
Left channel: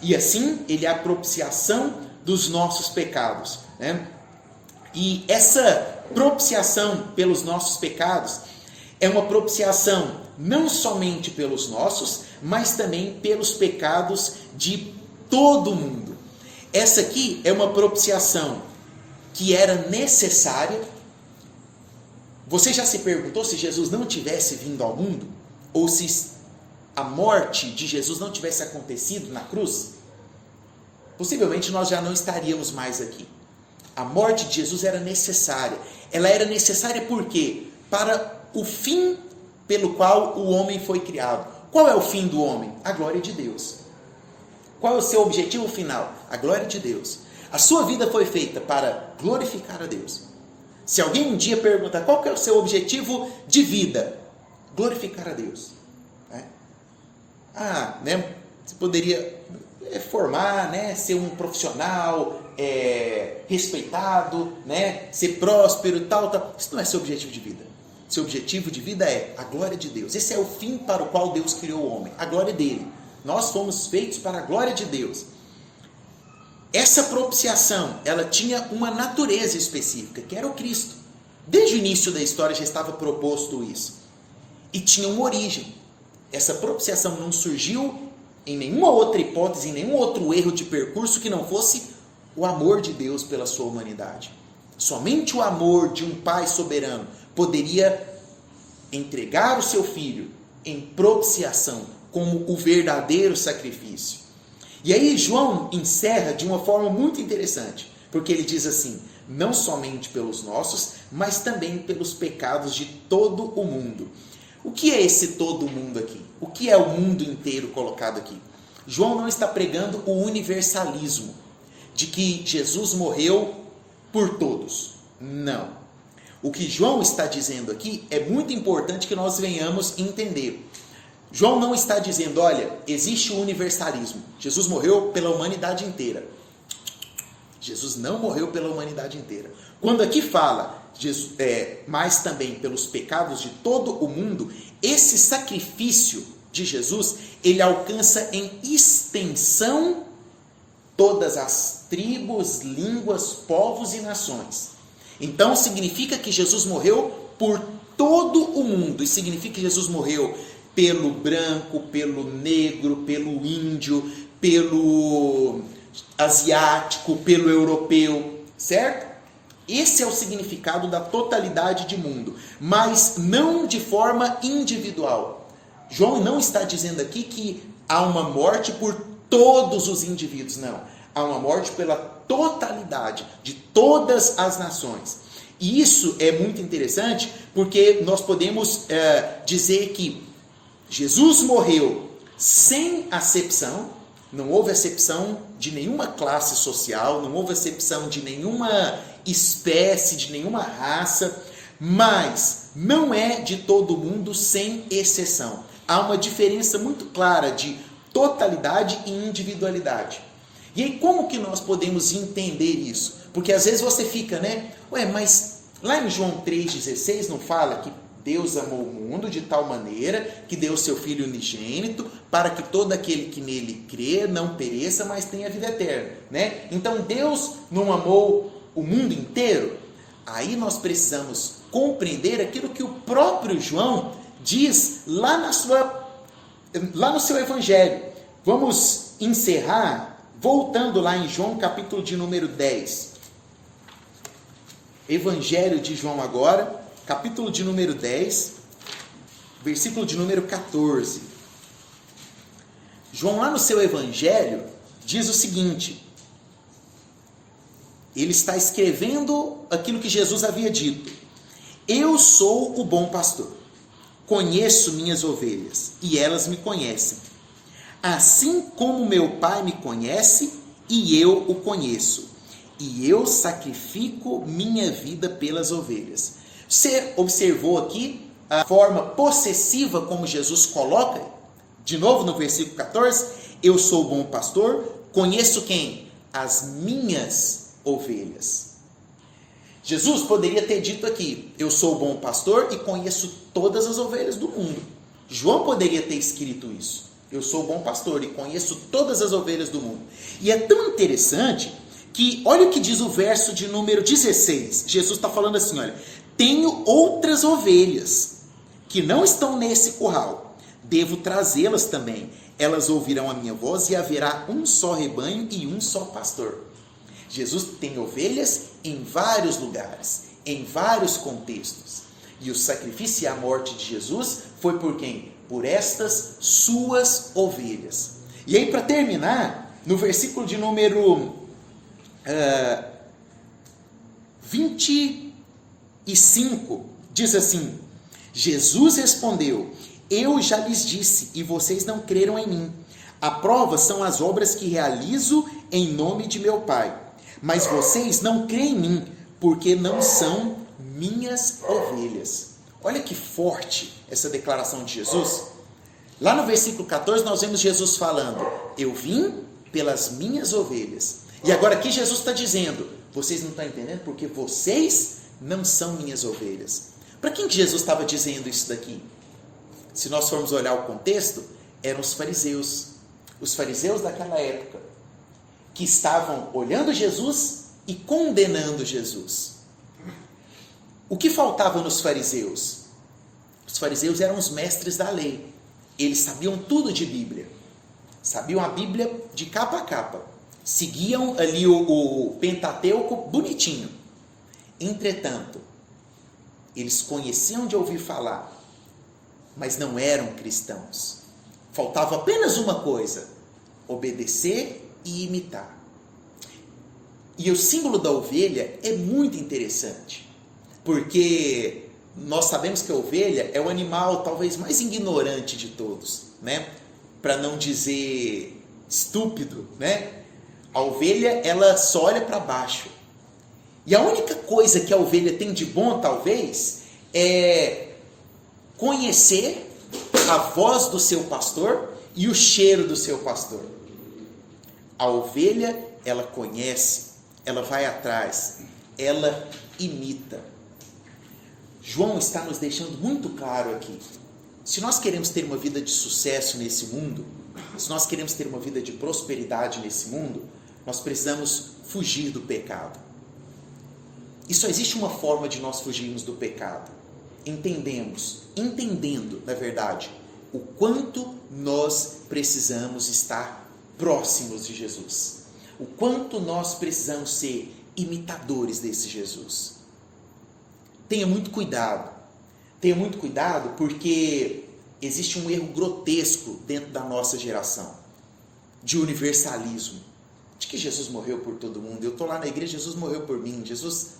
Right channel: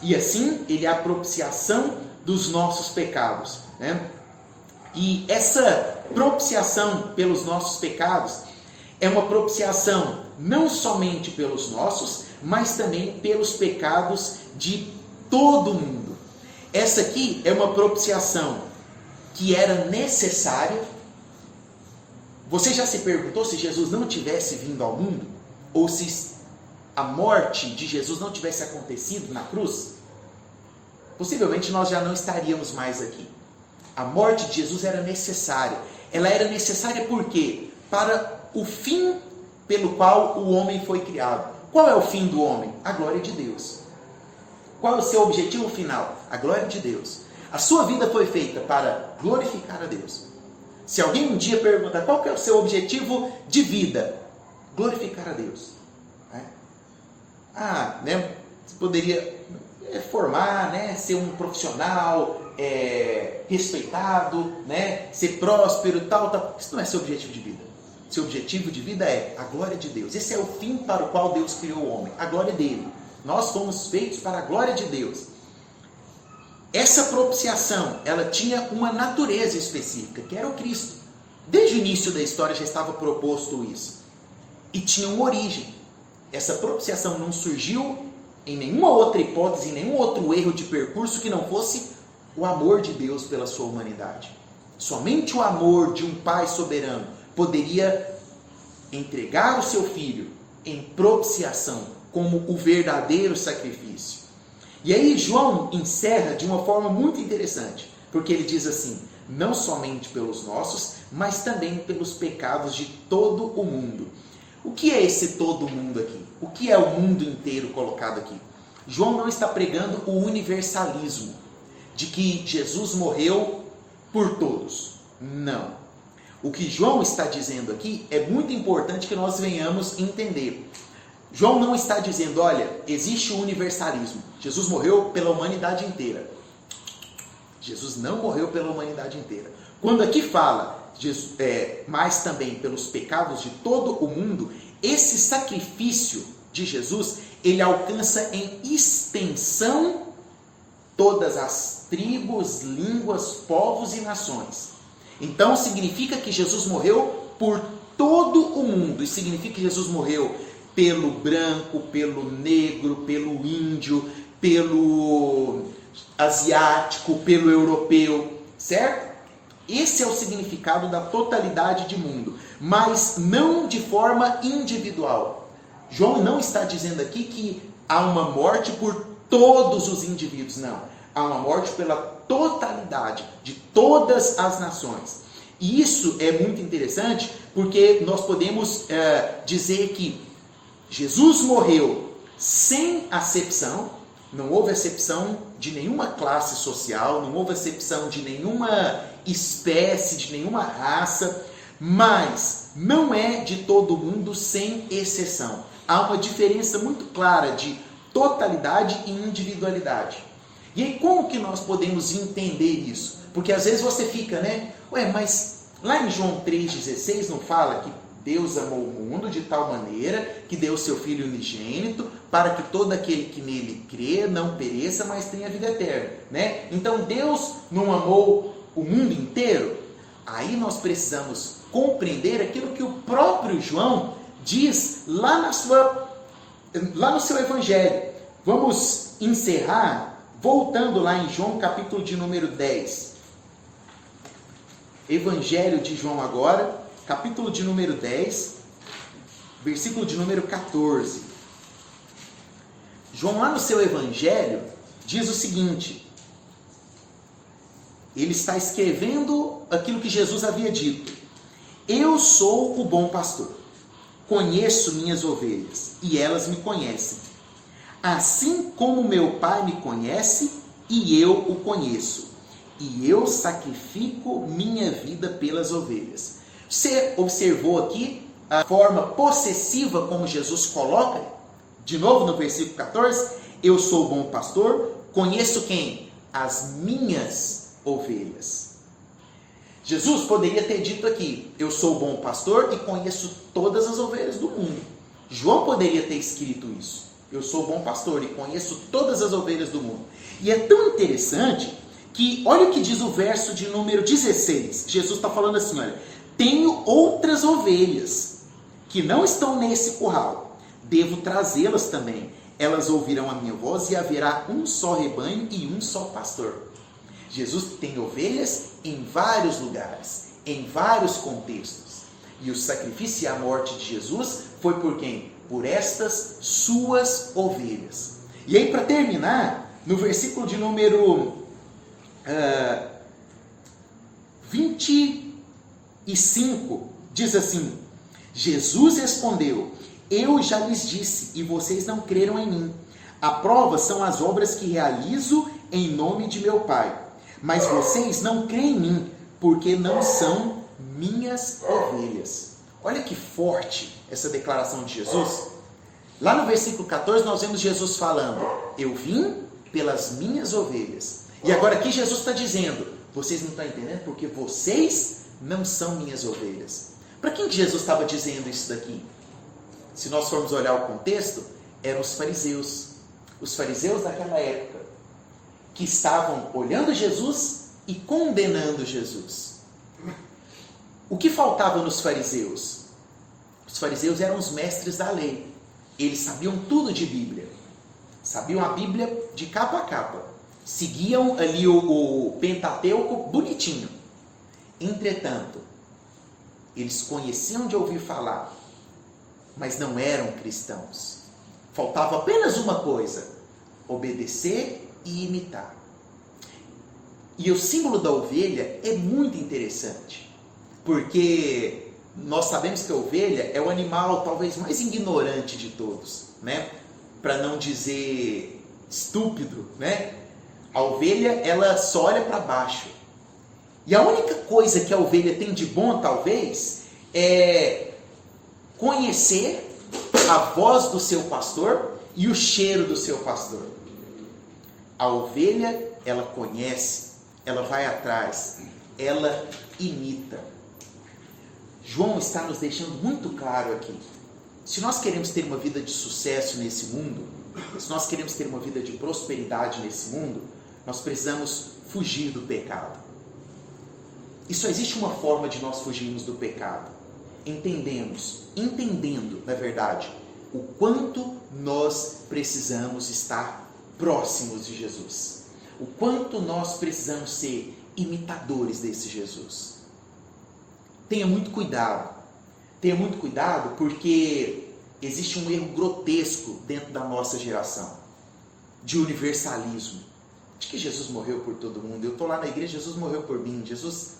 E assim, ele é a propiciação dos nossos pecados, né? E essa propiciação pelos nossos pecados é uma propiciação não somente pelos nossos, mas também pelos pecados de todo mundo. Essa aqui é uma propiciação que era necessária. Você já se perguntou se Jesus não tivesse vindo ao mundo? Ou se a morte de Jesus não tivesse acontecido na cruz? Possivelmente nós já não estaríamos mais aqui. A morte de Jesus era necessária. Ela era necessária por quê? Para o fim pelo qual o homem foi criado. Qual é o fim do homem? A glória de Deus. Qual é o seu objetivo final? A glória de Deus. A sua vida foi feita para glorificar a Deus. Se alguém um dia perguntar qual que é o seu objetivo de vida, glorificar a Deus. Né? Você poderia formar, né? Ser um profissional respeitado, né? Ser próspero, tal. Isso não é seu objetivo de vida. Seu objetivo de vida é a glória de Deus. Esse é o fim para o qual Deus criou o homem, a glória dele. Nós fomos feitos para a glória de Deus. Essa propiciação, ela tinha uma natureza específica, que era o Cristo. Desde o início da história já estava proposto isso. E tinha uma origem. Essa propiciação não surgiu em nenhuma outra hipótese, em nenhum outro erro de percurso que não fosse o amor de Deus pela sua humanidade. Somente o amor de um Pai soberano poderia entregar o seu Filho em propiciação, como o verdadeiro sacrifício. E aí João encerra de uma forma muito interessante, porque ele diz assim: não somente pelos nossos, mas também pelos pecados de todo o mundo. O que é esse todo o mundo aqui? O que é o mundo inteiro colocado aqui? João não está pregando o universalismo, de que Jesus morreu por todos. Não. O que João está dizendo aqui é muito importante que nós venhamos entender. João não está dizendo, olha, existe o universalismo. Jesus morreu pela humanidade inteira. Jesus não morreu pela humanidade inteira. Quando aqui fala, mas também pelos pecados de todo o mundo, esse sacrifício de Jesus, ele alcança em extensão todas as tribos, línguas, povos e nações. Então significa que Jesus morreu por todo o mundo. E significa que Jesus morreu pelo branco, pelo negro, pelo índio, pelo asiático, pelo europeu, certo? Esse é o significado da totalidade de mundo, mas não de forma individual. João não está dizendo aqui que há uma morte por todos os indivíduos, não. Há uma morte pela totalidade de todas as nações. E isso é muito interessante, porque nós podemos dizer que Jesus morreu sem acepção. Não houve acepção de nenhuma classe social, não houve acepção de nenhuma espécie, de nenhuma raça, mas não é de todo mundo sem exceção. Há uma diferença muito clara de totalidade e individualidade. E aí como que nós podemos entender isso? Porque às vezes você fica, mas lá em João 3,16 não fala que Deus amou o mundo de tal maneira que deu seu Filho unigênito para que todo aquele que nele crê não pereça, mas tenha vida eterna, né? Então Deus não amou o mundo inteiro? Aí nós precisamos compreender aquilo que o próprio João diz lá no seu evangelho. Vamos encerrar voltando lá em João capítulo de número 10. Evangelho de João agora, capítulo de número 10, versículo de número 14. João, lá no seu evangelho, diz o seguinte: ele está escrevendo aquilo que Jesus havia dito. Eu sou o bom pastor, conheço minhas ovelhas, e elas me conhecem. Assim como meu Pai me conhece, e eu o conheço, e eu sacrifico minha vida pelas ovelhas. Você observou aqui a forma possessiva como Jesus coloca? De novo no versículo 14, eu sou o bom pastor, conheço quem? As minhas ovelhas. Jesus poderia ter dito aqui, eu sou o bom pastor e conheço todas as ovelhas do mundo. João poderia ter escrito isso, eu sou o bom pastor e conheço todas as ovelhas do mundo. E é tão interessante que, olha o que diz o verso de número 16, Jesus está falando assim, olha, tenho outras ovelhas que não estão nesse curral, devo trazê-las também, elas ouvirão a minha voz e haverá um só rebanho e um só pastor. Jesus tem ovelhas em vários lugares, em vários contextos, e o sacrifício e a morte de Jesus foi por quem? Por estas suas ovelhas. E aí, para terminar, no versículo de número 25, diz assim: Jesus respondeu, eu já lhes disse e vocês não creram em mim. A prova são as obras que realizo em nome de meu Pai. Mas vocês não creem em mim, porque não são minhas ovelhas. Olha que forte essa declaração de Jesus. Lá no versículo 14 nós vemos Jesus falando, eu vim pelas minhas ovelhas. E agora aqui Jesus está dizendo, vocês não estão entendendo porque vocês não são minhas ovelhas. Para quem que Jesus estava dizendo isso daqui? Se nós formos olhar o contexto, eram os fariseus daquela época, que estavam olhando Jesus e condenando Jesus. O que faltava nos fariseus? Os fariseus eram os mestres da lei. Eles sabiam tudo de Bíblia. Sabiam a Bíblia de capa a capa. Seguiam ali o Pentateuco bonitinho. Entretanto, eles conheciam de ouvir falar, mas não eram cristãos. Faltava apenas uma coisa: obedecer e imitar. E o símbolo da ovelha é muito interessante, porque nós sabemos que a ovelha é o animal talvez mais ignorante de todos, né? Para não dizer estúpido, né? A ovelha, ela só olha para baixo. E a única coisa que a ovelha tem de bom, talvez, é conhecer a voz do seu pastor e o cheiro do seu pastor. A ovelha, ela conhece, ela vai atrás, ela imita. João está nos deixando muito claro aqui. Se nós queremos ter uma vida de sucesso nesse mundo, se nós queremos ter uma vida de prosperidade nesse mundo, nós precisamos fugir do pecado. E só existe uma forma de nós fugirmos do pecado. Entendendo, na verdade, o quanto nós precisamos estar próximos de Jesus. O quanto nós precisamos ser imitadores desse Jesus. Tenha muito cuidado porque existe um erro grotesco dentro da nossa geração, de universalismo, de que Jesus morreu por todo mundo. Eu estou lá na igreja, Jesus morreu por mim, Jesus,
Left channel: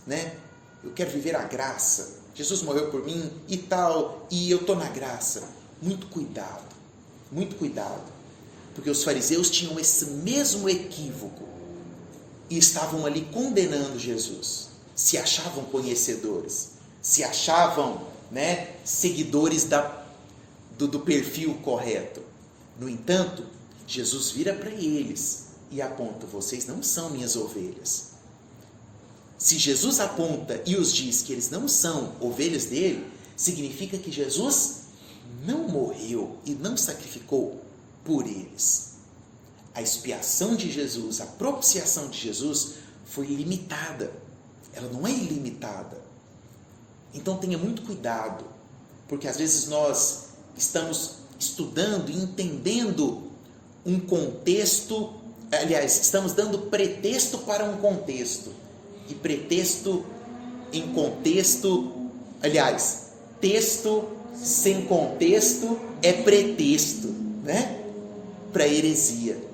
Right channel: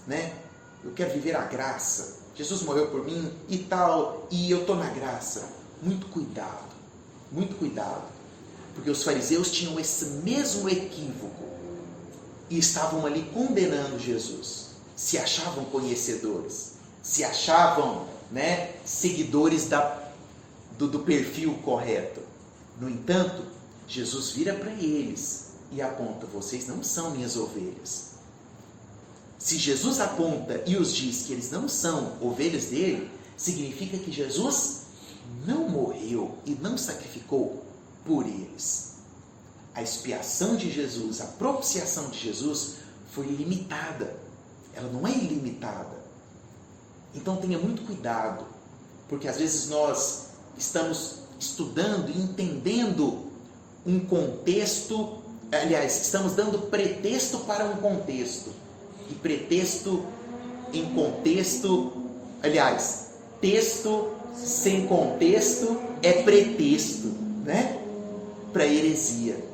eu quero viver a graça, Jesus morreu por mim e tal, e eu estou na graça. Muito cuidado, porque os fariseus tinham esse mesmo equívoco e estavam ali condenando Jesus, se achavam conhecedores, se achavam seguidores do perfil correto. No entanto, Jesus vira para eles e aponta: vocês não são minhas ovelhas. Se Jesus aponta e os diz que eles não são ovelhas dele, significa que Jesus não morreu e não sacrificou por eles. A expiação de Jesus, a propiciação de Jesus foi limitada, ela não é ilimitada. Então tenha muito cuidado, porque às vezes nós estamos estudando e entendendo um contexto, estamos dando pretexto para um contexto, e pretexto em contexto, texto sem contexto é pretexto, para heresia.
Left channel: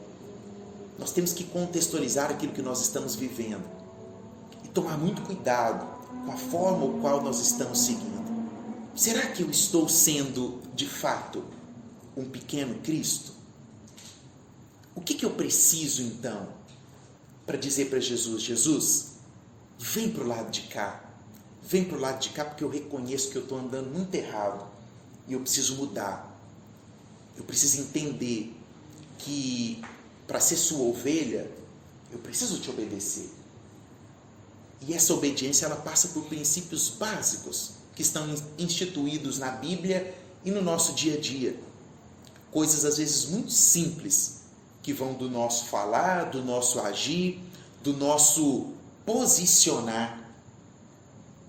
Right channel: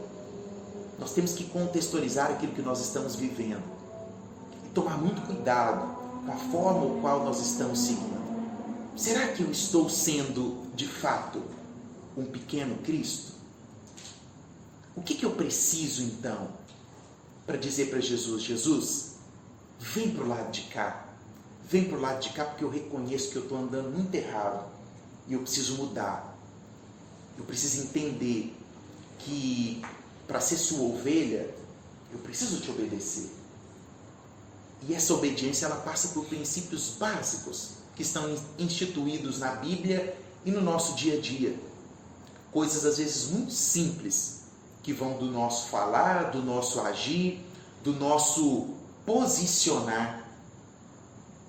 Nós temos que contextualizar aquilo que nós estamos vivendo e tomar muito cuidado com a forma o qual nós estamos seguindo. Será que eu estou sendo, de fato, um pequeno Cristo? O que eu preciso, então, para dizer para Jesus: Jesus, vem para o lado de cá, porque eu reconheço que eu estou andando muito errado e eu preciso mudar. Eu preciso entender que para ser sua ovelha, eu preciso te obedecer. E essa obediência, ela passa por princípios básicos que estão instituídos na Bíblia e no nosso dia a dia. Coisas às vezes muito simples, que vão do nosso falar, do nosso agir, do nosso posicionar.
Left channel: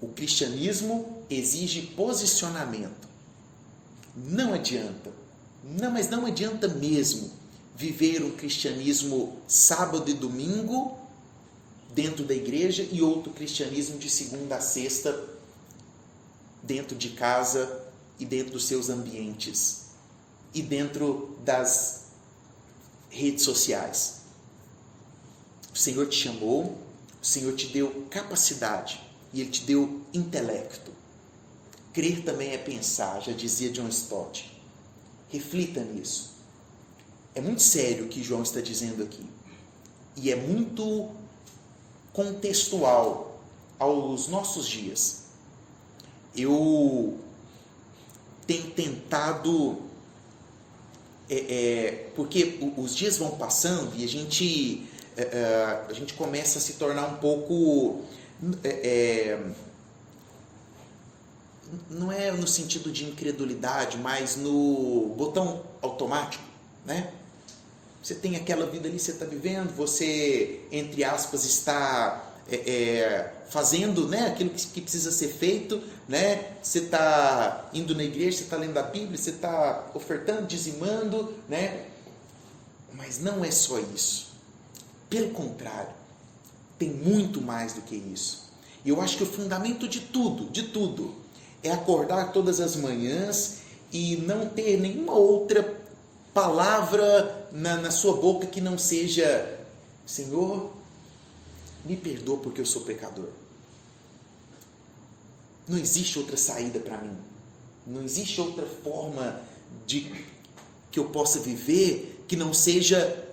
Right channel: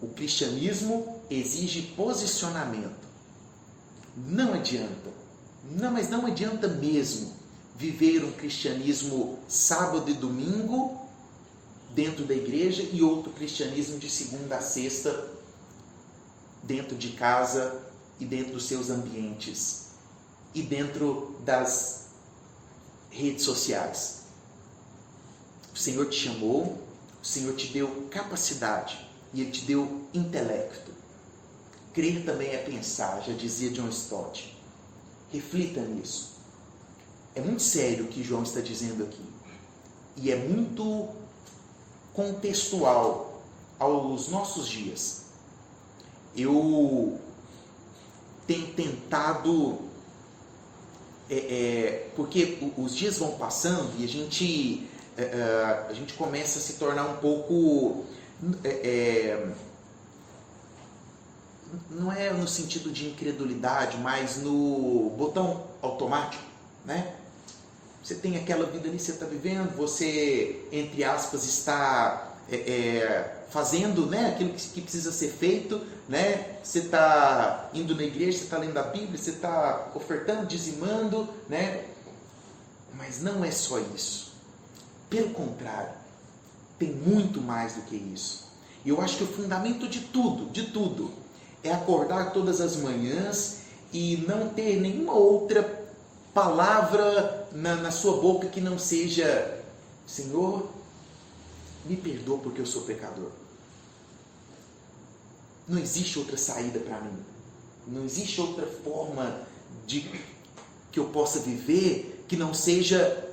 O cristianismo exige posicionamento. Não adianta, mas não adianta mesmo viver um cristianismo sábado e domingo dentro da igreja e outro cristianismo de segunda a sexta dentro de casa e dentro dos seus ambientes e dentro das redes sociais. O Senhor te chamou, o Senhor te deu capacidade e Ele te deu intelecto. Crer também é pensar, já dizia John Stott. Reflita nisso. É muito sério o que João está dizendo aqui. E é muito contextual aos nossos dias. Eu tenho tentado, porque os dias vão passando e a gente começa a se tornar um pouco, não é no sentido de incredulidade, mas no botão automático, Você tem aquela vida ali, você está vivendo, você, entre aspas, está fazendo aquilo que precisa ser feito, Você está indo na igreja, você está lendo a Bíblia, você está ofertando, dizimando, Mas não é só isso. Pelo contrário, tem muito mais do que isso. E eu acho que o fundamento de tudo, é acordar todas as manhãs e não ter nenhuma outra palavra na sua boca que não seja: Senhor, me perdoa porque eu sou pecador. Não existe outra saída para mim. Não existe outra forma que eu possa viver que não seja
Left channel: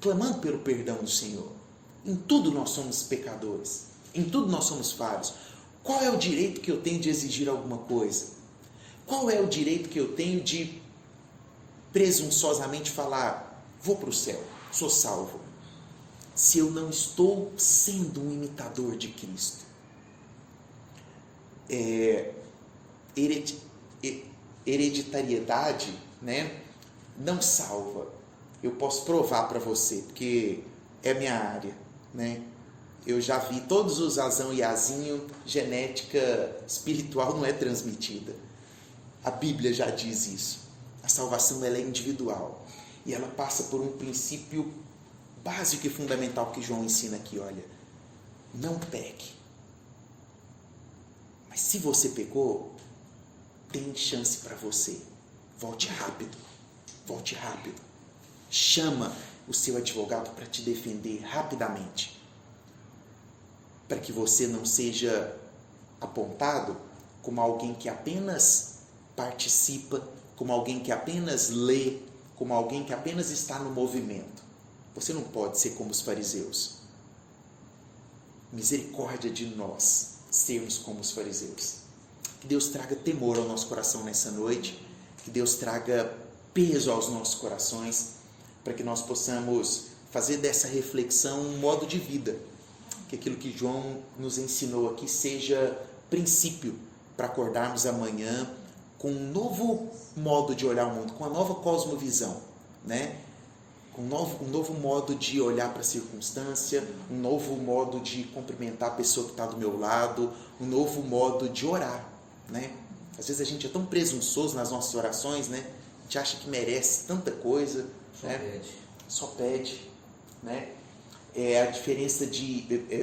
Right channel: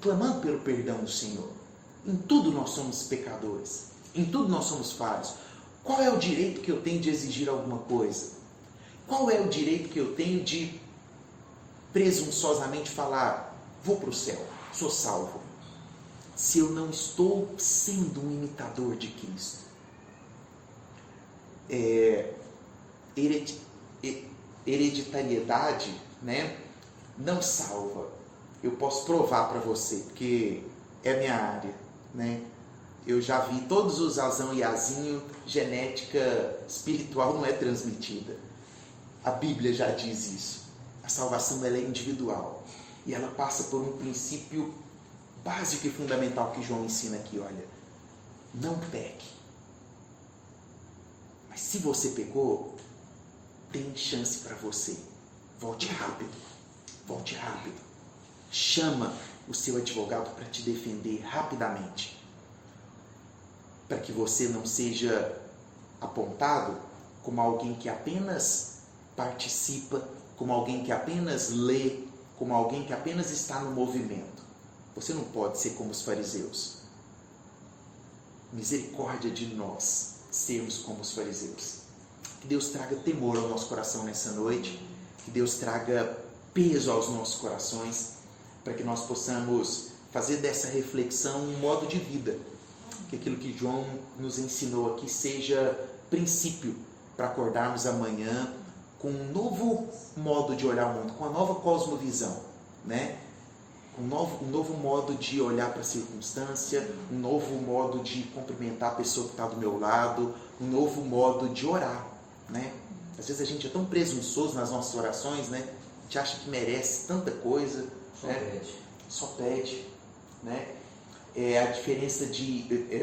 clamando pelo perdão do Senhor. Em tudo nós somos pecadores. Em tudo nós somos falhos. Qual é o direito que eu tenho de exigir alguma coisa? Qual é o direito que eu tenho de presunçosamente falar: vou para o céu, sou salvo, se eu não estou sendo um imitador de Cristo? Hereditariedade, não salva. Eu posso provar para você, porque é minha área, Eu já vi todos os Azão e Azinho, genética espiritual não é transmitida. A Bíblia já diz isso. A salvação, ela é individual e ela passa por um princípio básico e fundamental que João ensina aqui. Olha, não peque. Mas se você pecou, tem chance para você. Volte rápido. Volte rápido. Chama o seu advogado para te defender rapidamente. Para que você não seja apontado como alguém que apenas participa, como alguém que apenas lê, como alguém que apenas está no movimento. Você não pode ser como os fariseus. Misericórdia de nós sermos como os fariseus. Que Deus traga temor ao nosso coração nessa noite, que Deus traga peso aos nossos corações, para que nós possamos fazer dessa reflexão um modo de vida, que aquilo que João nos ensinou aqui seja princípio para acordarmos amanhã com um novo modo de olhar o mundo, com uma nova cosmovisão, né? Um novo modo de olhar para a circunstância, um novo modo de cumprimentar a pessoa que está do meu lado, um novo modo de orar, né? Às vezes a gente é tão presunçoso nas nossas orações, né? A gente acha que merece tanta coisa, né? Só pede, né? A diferença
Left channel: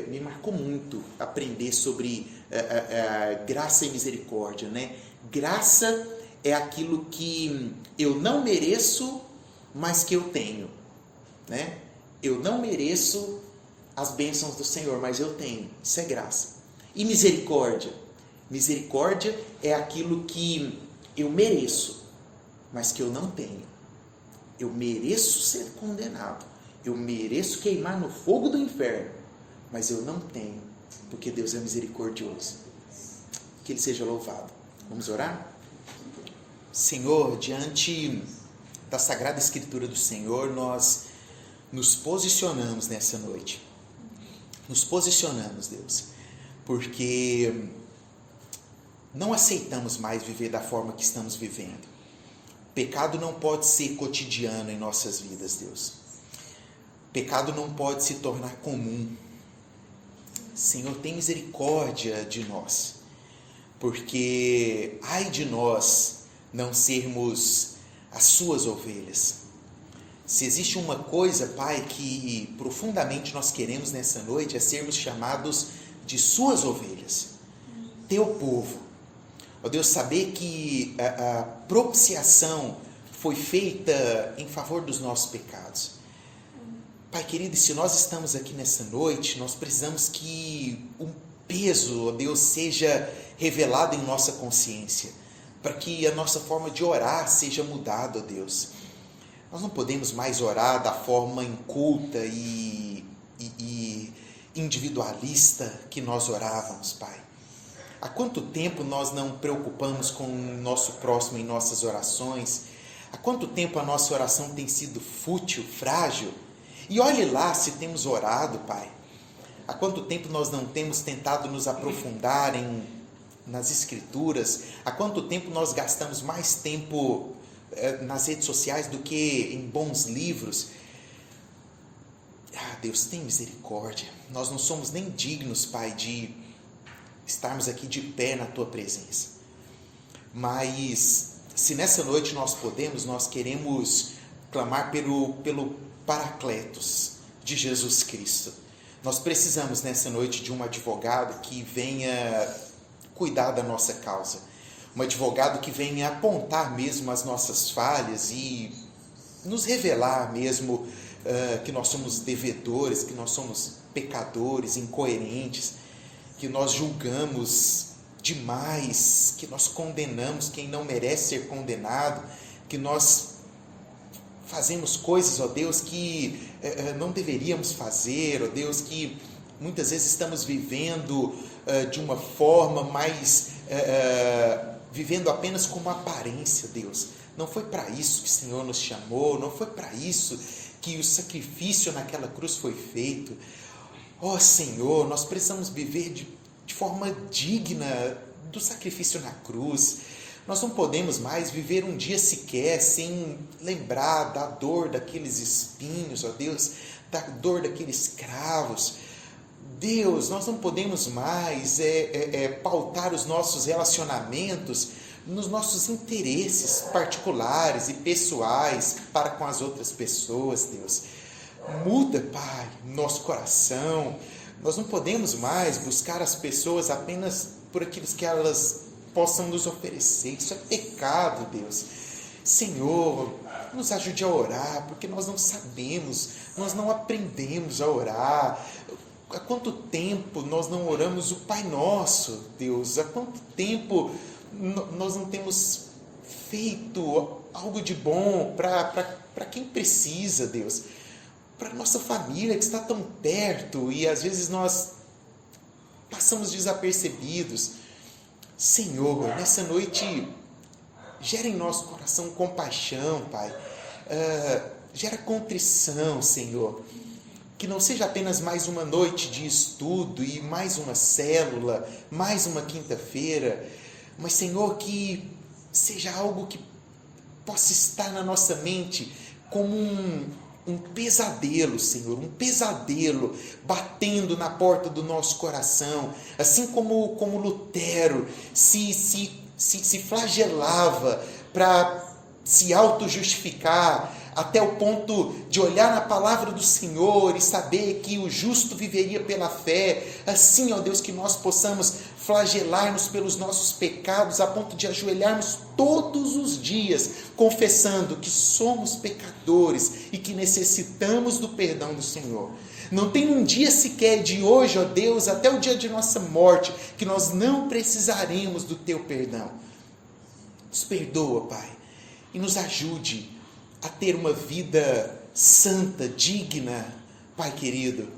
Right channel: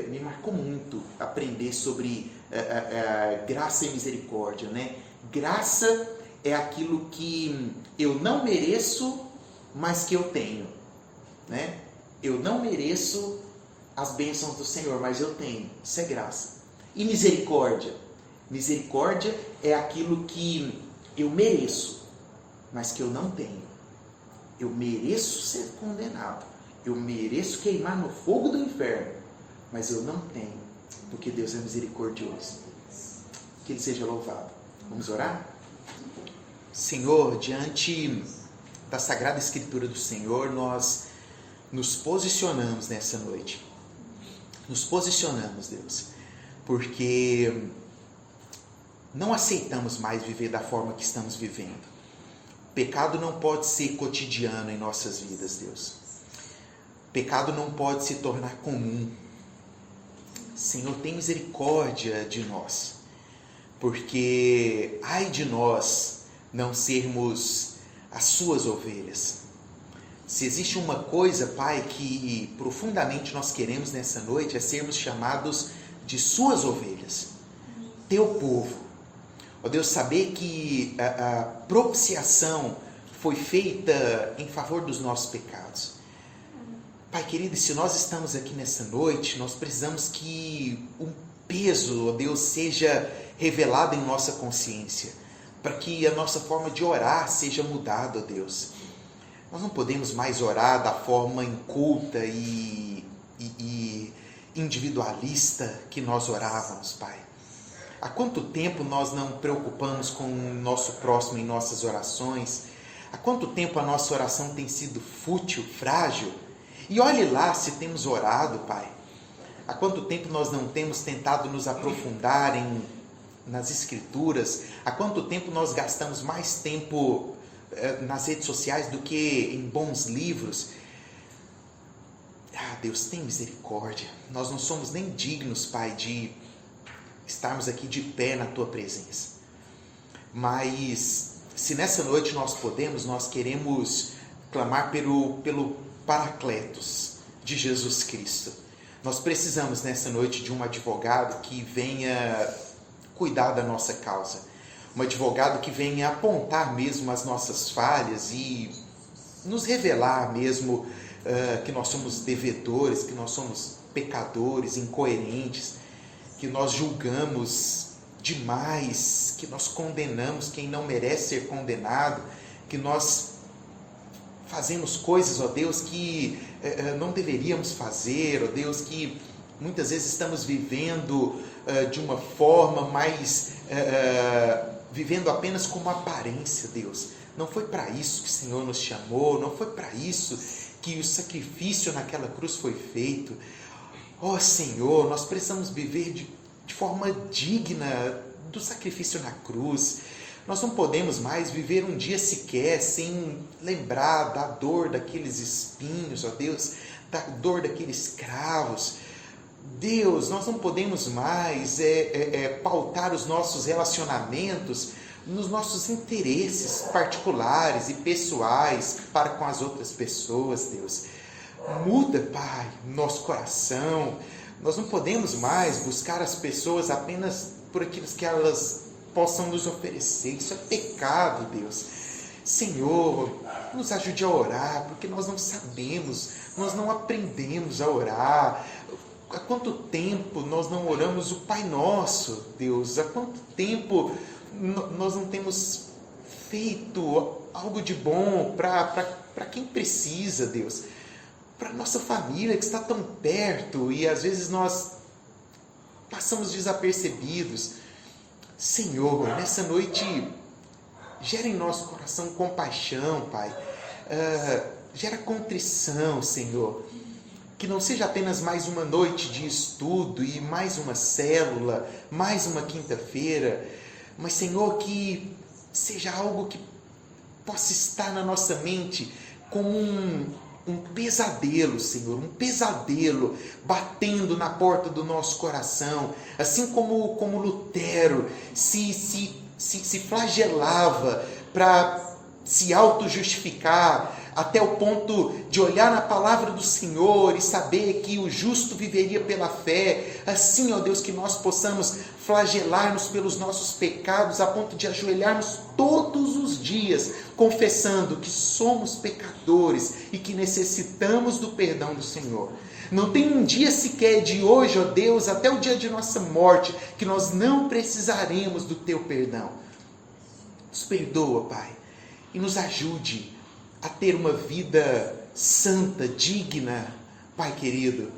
me marcou muito aprender sobre graça e misericórdia, né? Graça é aquilo que eu não mereço, mas que eu tenho, né? Eu não mereço as bênçãos do Senhor, mas eu tenho. Isso é graça. E misericórdia? Misericórdia é aquilo que eu mereço, mas que eu não tenho. Eu mereço ser condenado. Eu mereço queimar no fogo do inferno, mas eu não tenho, porque Deus é misericordioso. Que Ele seja louvado. Vamos orar? Senhor, diante da Sagrada Escritura do Senhor, nós nos posicionamos nessa noite. Nos posicionamos, Deus, porque não aceitamos mais viver da forma que estamos vivendo. Pecado não pode ser cotidiano em nossas vidas, Deus. Pecado não pode se tornar comum. Senhor, tem misericórdia de nós, porque ai de nós não sermos as suas ovelhas. Se existe uma coisa, Pai, que profundamente nós queremos nessa noite, é sermos chamados de suas ovelhas, teu povo. Ó Deus, saber que a propiciação foi feita em favor dos nossos pecados. Pai querido, se nós estamos aqui nessa noite, nós precisamos que um peso, ó Deus, seja revelado em nossa consciência, para que a nossa forma de orar seja mudada, ó Deus. Nós não podemos mais orar da forma inculta e individualista que nós orávamos, Pai. Há quanto tempo nós não preocupamos com o nosso próximo em nossas orações? Há quanto tempo a nossa oração tem sido fútil, frágil? E olhe lá se temos orado, Pai. Há quanto tempo nós não temos tentado nos aprofundar nas Escrituras? Há quanto tempo nós gastamos mais tempo nas redes sociais do que em bons livros? Ah, Deus, tem misericórdia. Nós não somos nem dignos, Pai, de estarmos aqui de pé na Tua presença. Mas, se nessa noite nós podemos, nós queremos clamar pelo Paracletos de Jesus Cristo. Nós precisamos nessa noite de um advogado que venha cuidar da nossa causa. Um advogado que venha apontar mesmo as nossas falhas e nos revelar mesmo que nós somos devedores, que nós somos pecadores, incoerentes, que nós julgamos demais, que nós condenamos quem não merece ser condenado, que nós fazemos coisas, ó Deus, que não deveríamos fazer, ó Deus, que muitas vezes estamos vivendo de uma forma mais, vivendo apenas como aparência, Deus. Não foi para isso que o Senhor nos chamou, não foi para isso que o sacrifício naquela cruz foi feito. Ó Senhor, nós precisamos viver de forma digna do sacrifício na cruz. Nós não podemos mais viver um dia sequer sem lembrar da dor daqueles espinhos, ó Deus, da dor daqueles cravos. Deus, nós não podemos mais pautar os nossos relacionamentos nos nossos interesses particulares e pessoais para com as outras pessoas, Deus. Muda, Pai, nosso coração, Nós não podemos mais buscar as pessoas apenas por aquilo que elas possam nos oferecer. Isso é pecado, Deus. Senhor, nos ajude a orar, porque nós não sabemos, nós não aprendemos a orar. Há quanto tempo nós não oramos o Pai Nosso, Deus? Há quanto tempo nós não temos feito algo de bom para quem precisa, Deus? Para a nossa família que está tão perto e às vezes nós passamos desapercebidos. Senhor, nessa noite, gera em nosso coração compaixão, Pai. Gera contrição, Senhor. Que não seja apenas mais uma noite de estudo e mais uma célula, mais uma quinta-feira, mas, Senhor, que seja algo que possa estar na nossa mente como um pesadelo, Senhor, um pesadelo batendo na porta do nosso coração, assim como Lutero se flagelava para se auto-justificar, até o ponto de olhar na palavra do Senhor e saber que o justo viveria pela fé. Assim, ó Deus, que nós possamos flagelar-nos pelos nossos pecados a ponto de ajoelharmos todos os dias, confessando que somos pecadores e que necessitamos do perdão do Senhor. Não tem um dia sequer de hoje, ó Deus, até o dia de nossa morte, que nós não precisaremos do Teu perdão. Nos perdoa, Pai, e nos ajude a ter uma vida santa, digna, Pai querido.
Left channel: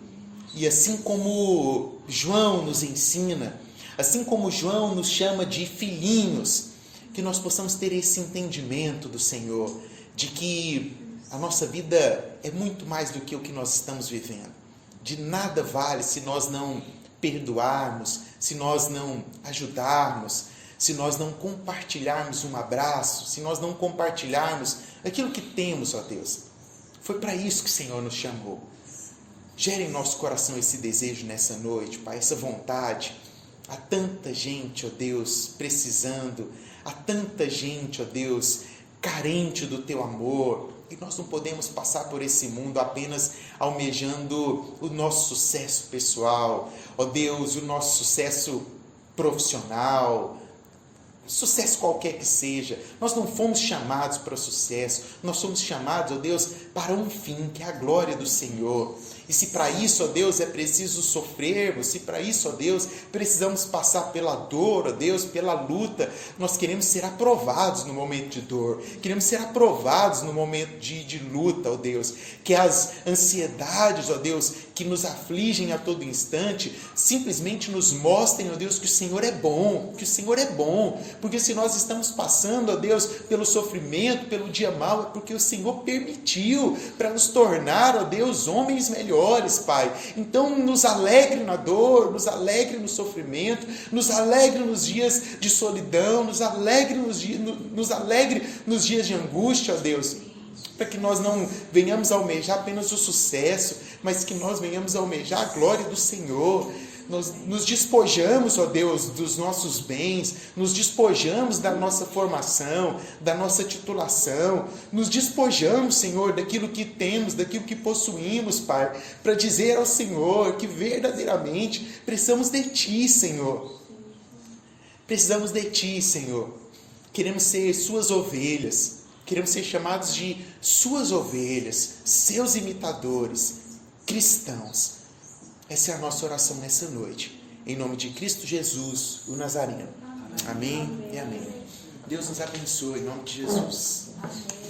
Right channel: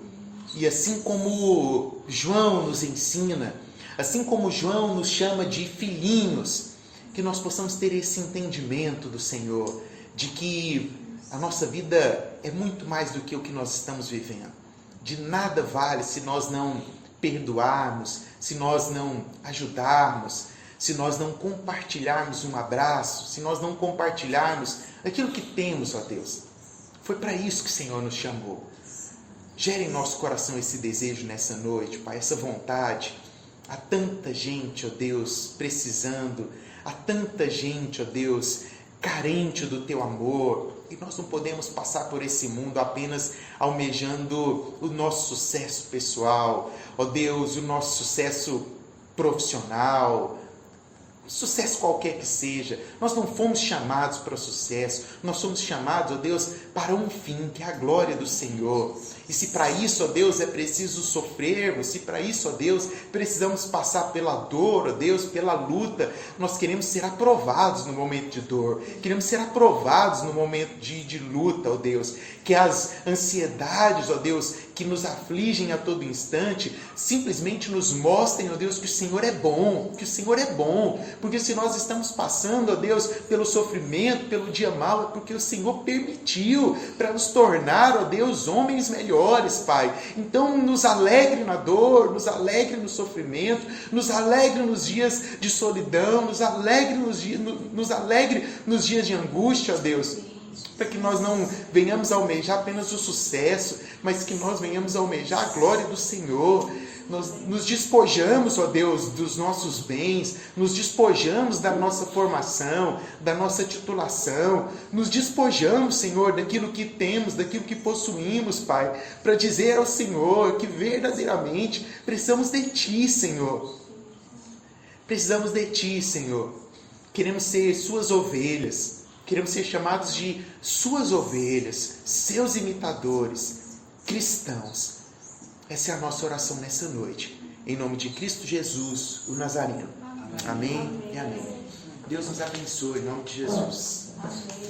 E assim como João nos ensina, assim como João nos chama de filhinhos, que nós possamos ter esse entendimento do Senhor, de que a nossa vida é muito mais do que o que nós estamos vivendo. De nada vale se nós não perdoarmos, se nós não ajudarmos, se nós não compartilharmos um abraço, se nós não compartilharmos aquilo que temos, ó Deus. Foi para isso que o Senhor nos chamou. Gere em nosso coração esse desejo nessa noite, Pai, essa vontade. Há tanta gente, ó Deus, precisando, há tanta gente, ó Deus, carente do Teu amor, e nós não podemos passar por esse mundo apenas almejando o nosso sucesso pessoal, ó Deus, o nosso sucesso profissional, sucesso qualquer que seja. Nós não fomos chamados para o sucesso, nós somos chamados, ó Deus, para um fim, que é a glória do Senhor. E se para isso, ó Deus, é preciso sofrermos, se para isso, ó Deus, precisamos passar pela dor, ó Deus, pela luta, nós queremos ser aprovados no momento de dor, queremos ser aprovados no momento de luta, ó Deus, que as ansiedades, ó Deus, que nos afligem a todo instante, simplesmente nos mostrem, ó Deus, que o Senhor é bom, porque se nós estamos passando, ó Deus, pelo sofrimento, pelo dia mau, é porque o Senhor permitiu para nos tornar, ó Deus, homens melhores, Pai. Então nos alegre na dor, nos alegre no sofrimento, nos alegre nos dias de solidão, nos alegre nos dias de angústia, ó Deus, para que nós não venhamos a almejar apenas o sucesso, mas que nós venhamos a almejar a glória do Senhor. Nós nos despojamos, ó Deus, dos nossos bens, nos despojamos da nossa formação, da nossa titulação, nos despojamos, Senhor, daquilo que temos, daquilo que possuímos, Pai, para dizer ao Senhor que verdadeiramente precisamos de Ti, Senhor. Precisamos de Ti, Senhor. Queremos ser Suas ovelhas, queremos ser chamados de Suas ovelhas, Seus imitadores, cristãos. Essa é a nossa oração nessa noite. Em nome de Cristo Jesus, o Nazareno. Amém e amém. Deus nos abençoe, em nome de Jesus. Amém.